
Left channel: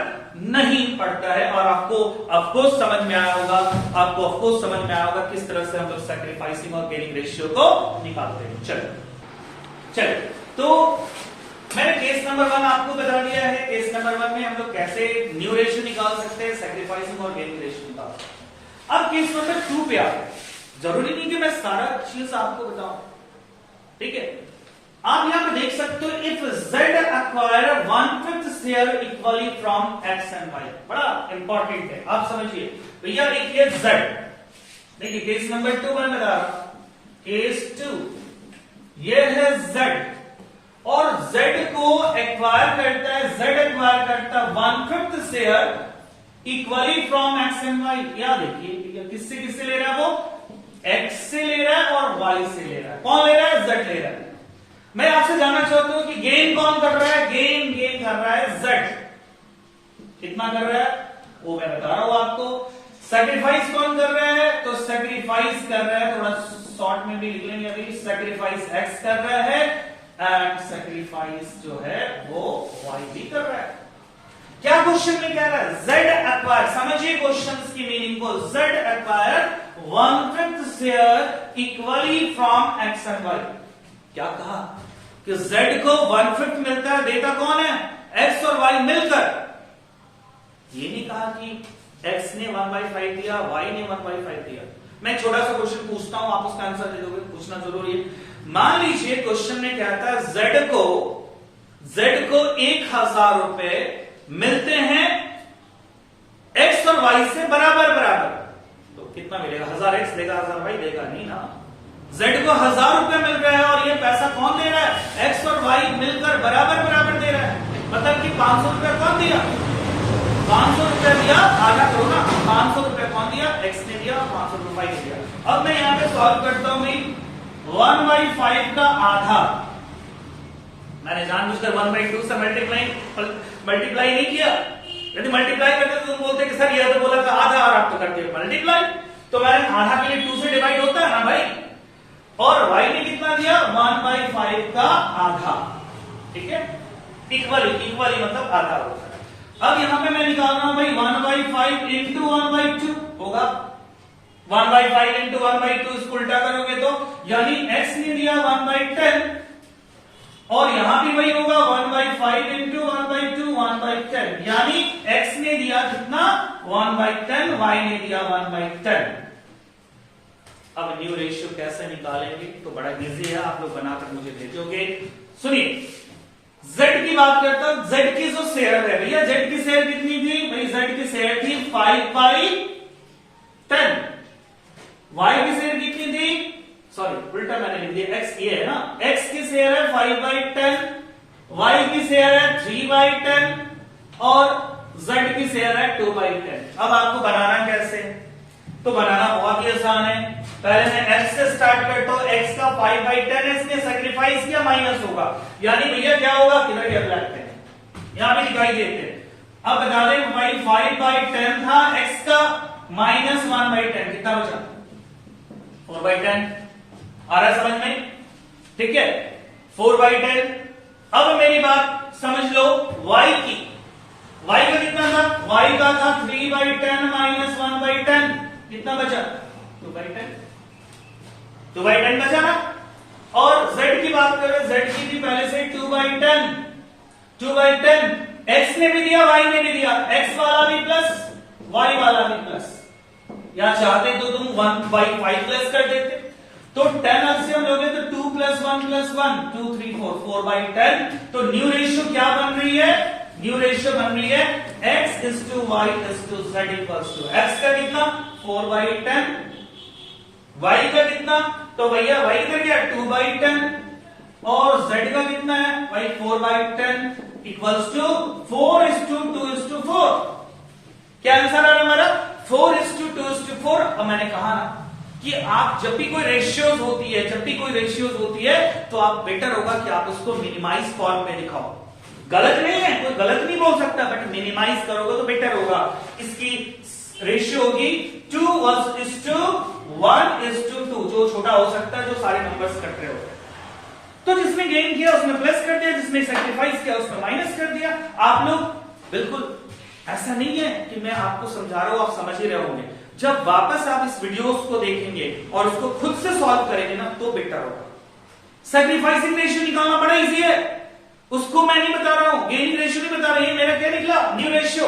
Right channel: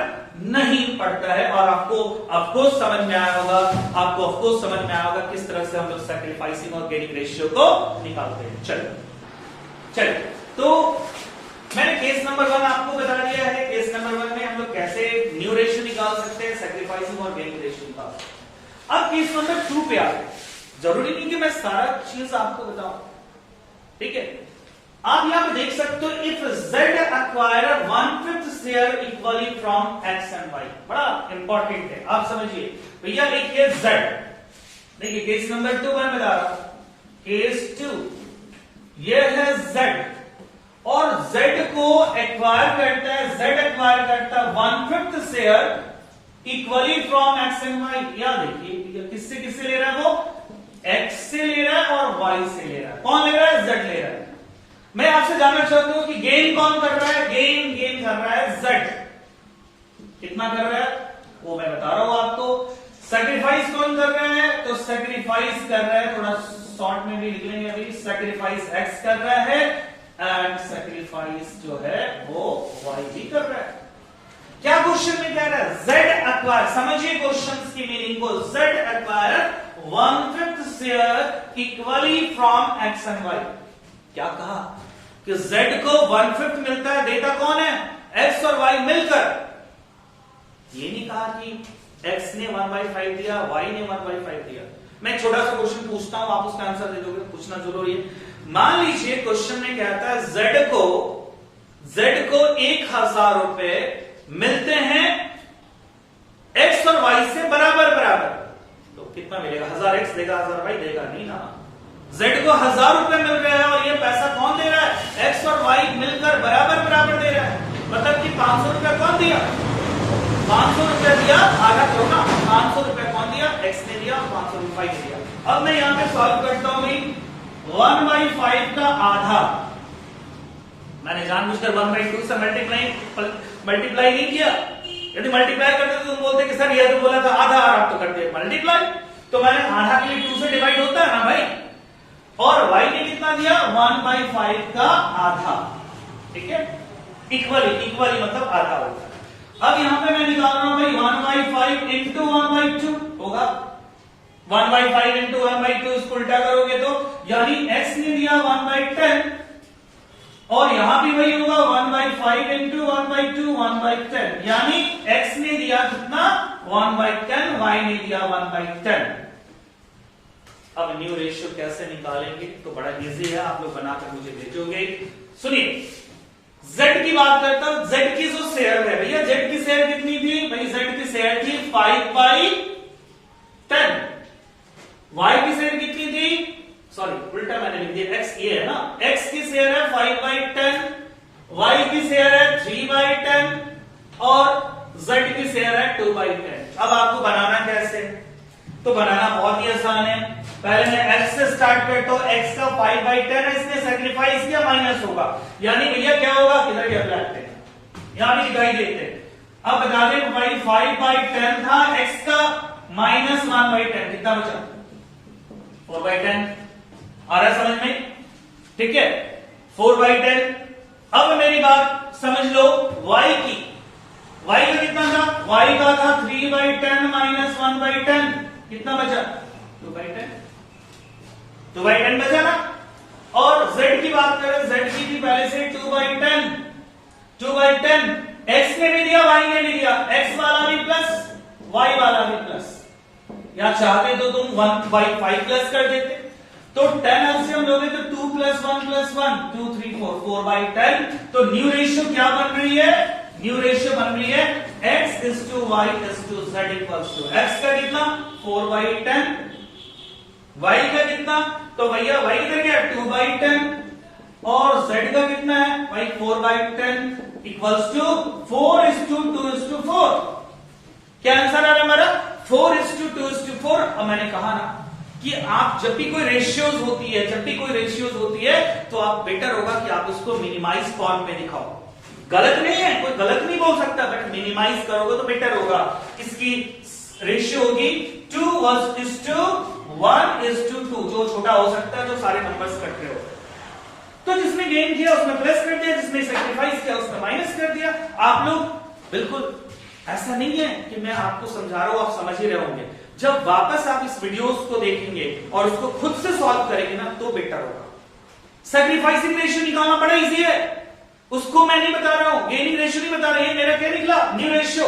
नहीं पड़ता है। और आपको ऑफकोर्स समझ में आया होगा, आपको ऑफकोर्स समझ में आया होगा किस तरह से हम लोग सैक्रिफाइसिंग और गेनिंग रेशियो को निकालते हैं। चलो तो मैंने केस नंबर 1 आपको बता दिया है। केस नंबर 1 में हम लोग कैसे न्यू रेशियो निकाल सकते हैं, सैक्रिफाइसिंग और गेनिंग रेशियो निकाल सकते हैं। अब केस नंबर 2 पे आते हैं। जरूरी नहीं कि मैं सारा चीज आपको बताऊं, ठीक है। आप यहां पे देख सकते हो, if z acquire 1/5 share equally from x and y, बड़ा इंपॉर्टेंट है, आप समझिए भैया। देखिए z, देखिए केस नंबर 2 में बता रहा हूं, केस 2 ये है z, और z को एक्वायर करता है, z एक्वायर करता है 1/5 share equally from x and y। या देखिए किससे किससे ले रहा है, वो x से ले रहा है और y से ले रहा है। कौन ले रहा है, z ले रहा है। मैं आपसे जानना चाहता हूं कि गेन कौन कर रहा है, गेन कर रहा है z। कितना कर रहा है वो मैं बता रहा हूं आपको। सैक्रिफाइस कौन कर रहा है, तो सैक्रिफाइस कर रहा है, थोड़ा शॉर्ट में भी लिख लेंगे अभी, सैक्रिफाइस x कर रहा है एंड सैक्रिफाइस जो है वो y भी कर रहा है। क्या क्वेश्चन में कह रहा है, z एक्वायर, समझिए क्वेश्चन की मीनिंग को, z acquire 1/5 share equally from x and y। क्या कहा कि z को 1/5 मिलता है, देता कौन है, x और y मिलकर। ये नहीं कहा कि x ने 1/5 दिया, y ने 1/5 दिया। मैं छोटा सा क्वेश्चन पूछता हूं, आप उसका आंसर दे दोगे, पूछना जरूरी है। मान लीजिए क्वेश्चन में क्या था, z को 1000 रुपए मिलते हैं x और y से बराबर बराबर, तो कितना मिलेगा, 1000x देगा 1000y देगा, नहीं ना। z को 1000 रुपए मिल रहा है और ये पैसा कौन दे रहा है, x और y मिलकर बराबर बराबर दे रहा है। मतलब कि 500 रुपए कौन दिया, 500 रुपए दिया, आधा करो ना, 500 रुपए कौन दिया, x ने दिया, 500 रुपए y ने दिया। अब मैं यहां पे सॉल्व करता हूं भाई, 1/5 का आधा, मैंने जानबूझकर 1/2 से मल्टीप्लाई नहीं किया। यदि मल्टीप्लाई करते तो तुम बोलते कि सर ये तो बोला था आधा, और आप तो करते मल्टीप्लाई, तो मैंने आधा के लिए 2 से डिवाइड होता है ना भाई। और y ने कितना दिया, 1/5 का आधा, ठीक है, इक्वली मतलब आधा होता है। अब यहां पे मैं निकाल रहा हूं भाई 1/5 इंटू 1/2 होगा, 1/5 इंटू 1/2, इसको उल्टा करोगे तो यानी x ने दिया 1/10 और यहां भी वही होगा 1/5 इंटू 1/2 1/10, यानी x ने दिया कितना 1/10, y ने दिया 1/10। अब न्यू रेशियो कैसे निकालेंगे, तो बड़ा इजी है, आप लोग बनाकर मुझे भेजोगे। सुनिए, z की बात करता हूं, z की जो शेयर है भैया, z की शेयर कितनी थी भाई, z की शेयर थी 5/10, y की शेयर कितनी थी, सॉरी उल्टा मैंने लिख दिया, x ये है ना, x की शेयर है 5/10, y की शेयर है 3/10 और z की शेयर है 2/10। अब आपको बनाना कैसे, तो बनाना बहुत ही आसान है। पहले मैं x से स्टार्ट करता हूं, x का 5/10 है, इसने सैक्रिफाइस किया, माइनस होगा, यानी भैया क्या होगा, किधर ये लगते हैं, यहां भी दिखाई देते हैं। अब बता दें भाई 5/10 था, x का माइनस 1/10 कितना बचा, 4/10। आ रहा है समझ में, ठीक है, 4/10। अब मेरी बात समझ लो y की, y का कितना था, y का था 3/10 माइनस 1/10, कितना बचा 2/10, 2/10 बचा ना। और z की बात करें, z की थी पहले से 2/10, 2/10, x ने भी दिया y ने भी दिया, x वाला भी प्लस y वाला भी प्लस, या चाहते तो तुम 1/5 प्लस कर देते, तो 10 एलसीएम लोगे तो 2 + 1 + 1 2 3 4 4/10। तो न्यू रेशियो क्या बन रही है, न्यू रेशियो बन रही है x is to y is to z equals to, x का कितना 4/10, y का कितना, तो भैया y का क्या 2/10 और z का कितना है भाई 4/10 इक्वल्स टू 4:2:4। क्या आंसर आ रहा है हमारा 4:2:4। अब मैंने कहा ना कि आप जब भी कोई रेशियोज होती है तो आप बेटर होगा कि आप उसको मिनिमाइज फॉर्म में दिखाओ। गलत नहीं है, कोई गलत नहीं बोल सकता, बट मिनिमाइज करोगे तो बेटर होगा। इसकी रेशियो होगी 2:1:2, जो छोटा हो सकता है, जो सारे नंबर्स इकट्ठे हो। तो जिसने गेन किया उसमें प्लस कर दिया, जिसने सेक्रीफाइस किया उसमें माइनस कर दिया। आप लोग बिल्कुल ऐसा नहीं है कि मैं आपको समझा रहा हूं, आप समझ ही रहे होंगे। जब वापस आप इस वीडियोस को देखेंगे और उसको खुद से सॉल्व करेंगे ना तो बेटर होगा। सेक्रीफाइसिंग रेशियो निकालना बड़ा इजी है, उसको मैं नहीं बता रहा हूं, गेनिंग रेशियो नहीं बता रहा, ये मेरा क्या निकला, न्यू रेशियो।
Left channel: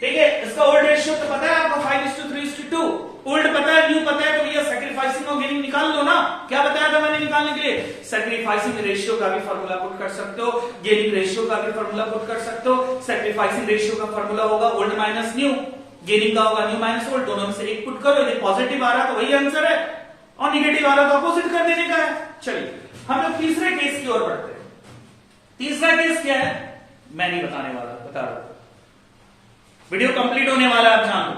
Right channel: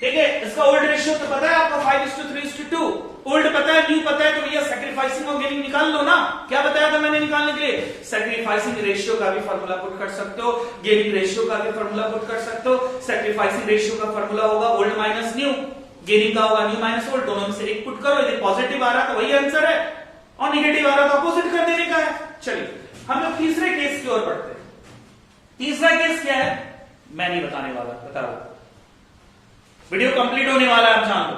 ठीक है, इसका ओल्ड रेशियो तो पता है आपको 5:3:2, ओल्ड पता है, न्यू पता है, तो भैया सेक्रीफाइसिंग और गेनिंग निकाल लो ना। क्या बताया था मैंने निकालने के लिए? सेक्रीफाइसिंग रेशियो का भी फॉर्मूला पुट कर सकते हो, गेनिंग रेशियो का भी फॉर्मूला पुट कर सकते हो। सेक्रीफाइसिंग रेशियो का फॉर्मूला होगा ओल्ड माइनस न्यू, गेनिंग का होगा न्यू माइनस ओल्ड, दोनों में से एक पुट करो, यदि पॉजिटिव आ रहा तो वही आंसर है और निगेटिव आ रहा तो अपोजिट कर देने का है। चलिए हम लोग तीसरे केस की ओर बढ़ते हैं। तीसरा केस क्या है मैं नहीं बताने वाला, बता रहा हूं, वीडियो कंप्लीट होने वाला है, आप जान लो।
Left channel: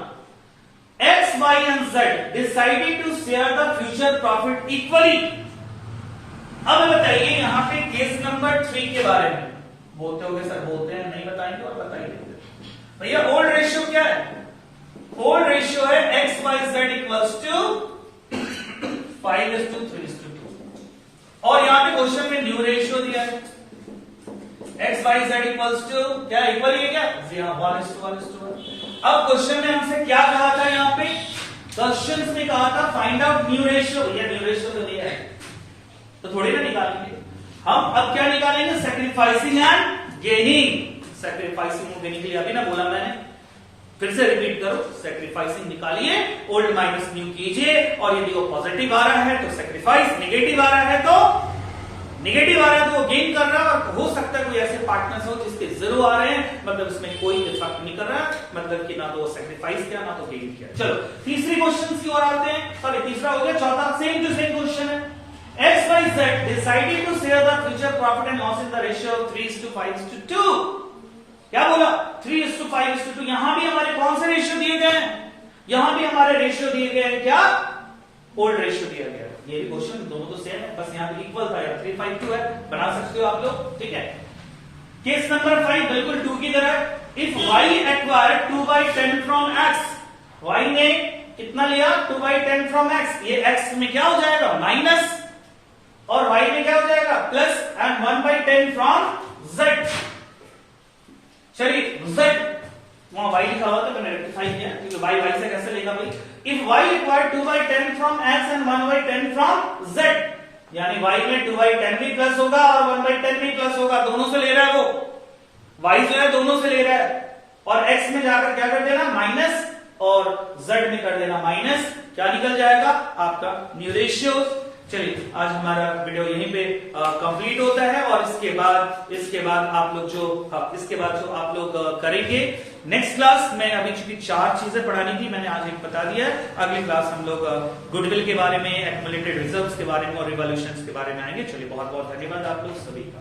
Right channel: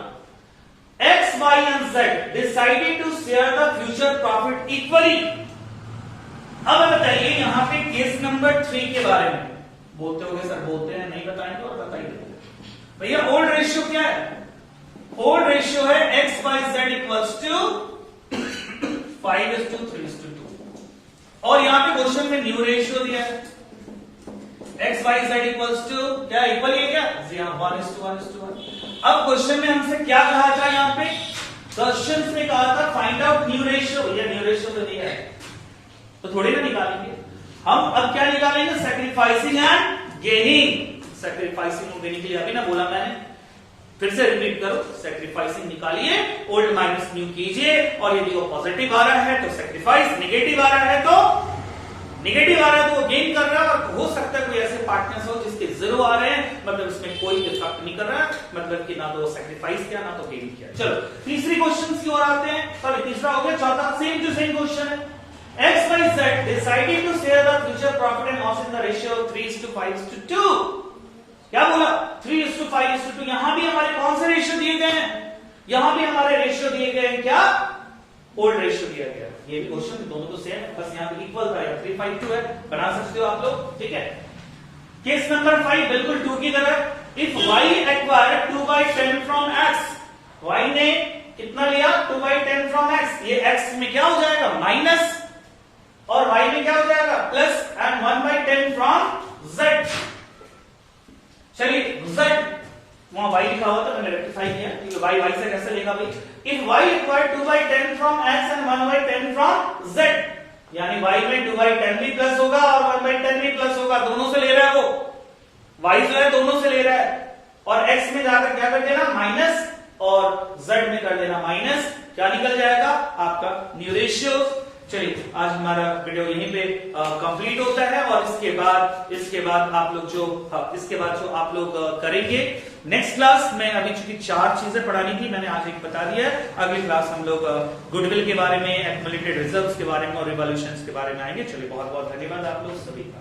X, Y and Z decided to share the future profit equally। अब बताइए यहां पे केस नंबर 3 के बारे में बोलते होगे सर, बोलते हैं, नहीं बताएंगे और बताइए भैया। ओल्ड रेशियो क्या है? ओल्ड रेशियो है X, Y, Z equals to 5:3:2 और यहां पे क्वेश्चन में न्यू रेशियो दिया है X, Y, Z equals to क्या, इक्वल है क्या? 1:1:1। अब क्वेश्चन में हमसे क्या कहा था, यहां पे क्वेश्चन में कहा था फाइंड आउट न्यू रेशियो। भैया न्यू रेशियो तो दिया है तो थोड़ी ना निकालेंगे हम। अब क्या निकालेंगे? Sacrificing and gaining. सेक्रीफाइसिंग और गेनिंग के लिए अभी ना बोला मैंने, फिर से रिपीट करो। सेक्रीफाइसिंग निकालिए, ओल्ड माइनस न्यू कीजिए, और यदि वो पॉजिटिव आ रहा है तो सेक्रीफाइस, निगेटिव आ रहा है तो वो गेन कर रहा है। और हो सकता है कोई ऐसे पार्टनर्स हो जिसके 0 आ रहे हैं, मतलब इसमें कोई इफेक्ट नहीं कर रहा है, मतलब कि ना तो सेक्रीफाइस किया ना तो गेन किया। चलो तीसरी क्वेश्चन की ओर आते हैं। सॉरी तीसरा हो गया, चौथा सेम टू सेम क्वेश्चन है। X, Y, Z decided to share the future profit and loss in the ratio of 3:5:2। क्या बोला? 3:5:2। यहां भी हमारे कौन से रेशियो दिए गए हैं? यहां भी हमारे रेशियो दिए गए हैं क्या? ओल्ड रेशियो दिया गया। ये भी क्वेश्चन दोनों तो सेम है, बस यहां पे इक्वल था, 3:5:2 है, बना सकते हो आप लोग। ठीक है, केस नंबर 5 बिल्कुल 2 की तरह। If y acquired 2/10 from x, y ने कितना लिया? 2/10 फ्रॉम x। ये x में क्या हो जाएगा? माइनस, और y में क्या हो जाएगा? Plus, and 1/10 from z। चलिए z वहां y लिखा हुआ था, मैंने रेक्टिफाई किया क्योंकि y से कैसे लिखा भाई? If y required 2/10 from x and 1/10 from z, यानी y में 2/10 भी प्लस होगा और 1/10 भी प्लस होगा, दोनों से ले रहा है वो। y जो है दोनों से ले रहा है, और x में जाकर क्या कर देना? माइनस, और z में कर देना माइनस। क्या निकल जाएगा? आपका न्यू रेशियो। चलिए आज हमारा वीडियो यहीं पे कंप्लीट होता है, और इसके बाद आप लोग जो आप लोग करेंगे नेक्स्ट क्लास में। अभी चूंकि 4 चीजें पढ़ानी थी, मैंने आज एक बता दिया है। अगली क्लास हम लोग गुडविल के बारे में, एक्युमुलेटेड रिजर्व्स के बारे में और रिवॉल्यूशंस के बारे में आएंगे। चलिए बहुत बहुत धन्यवाद आप लोग सभी का।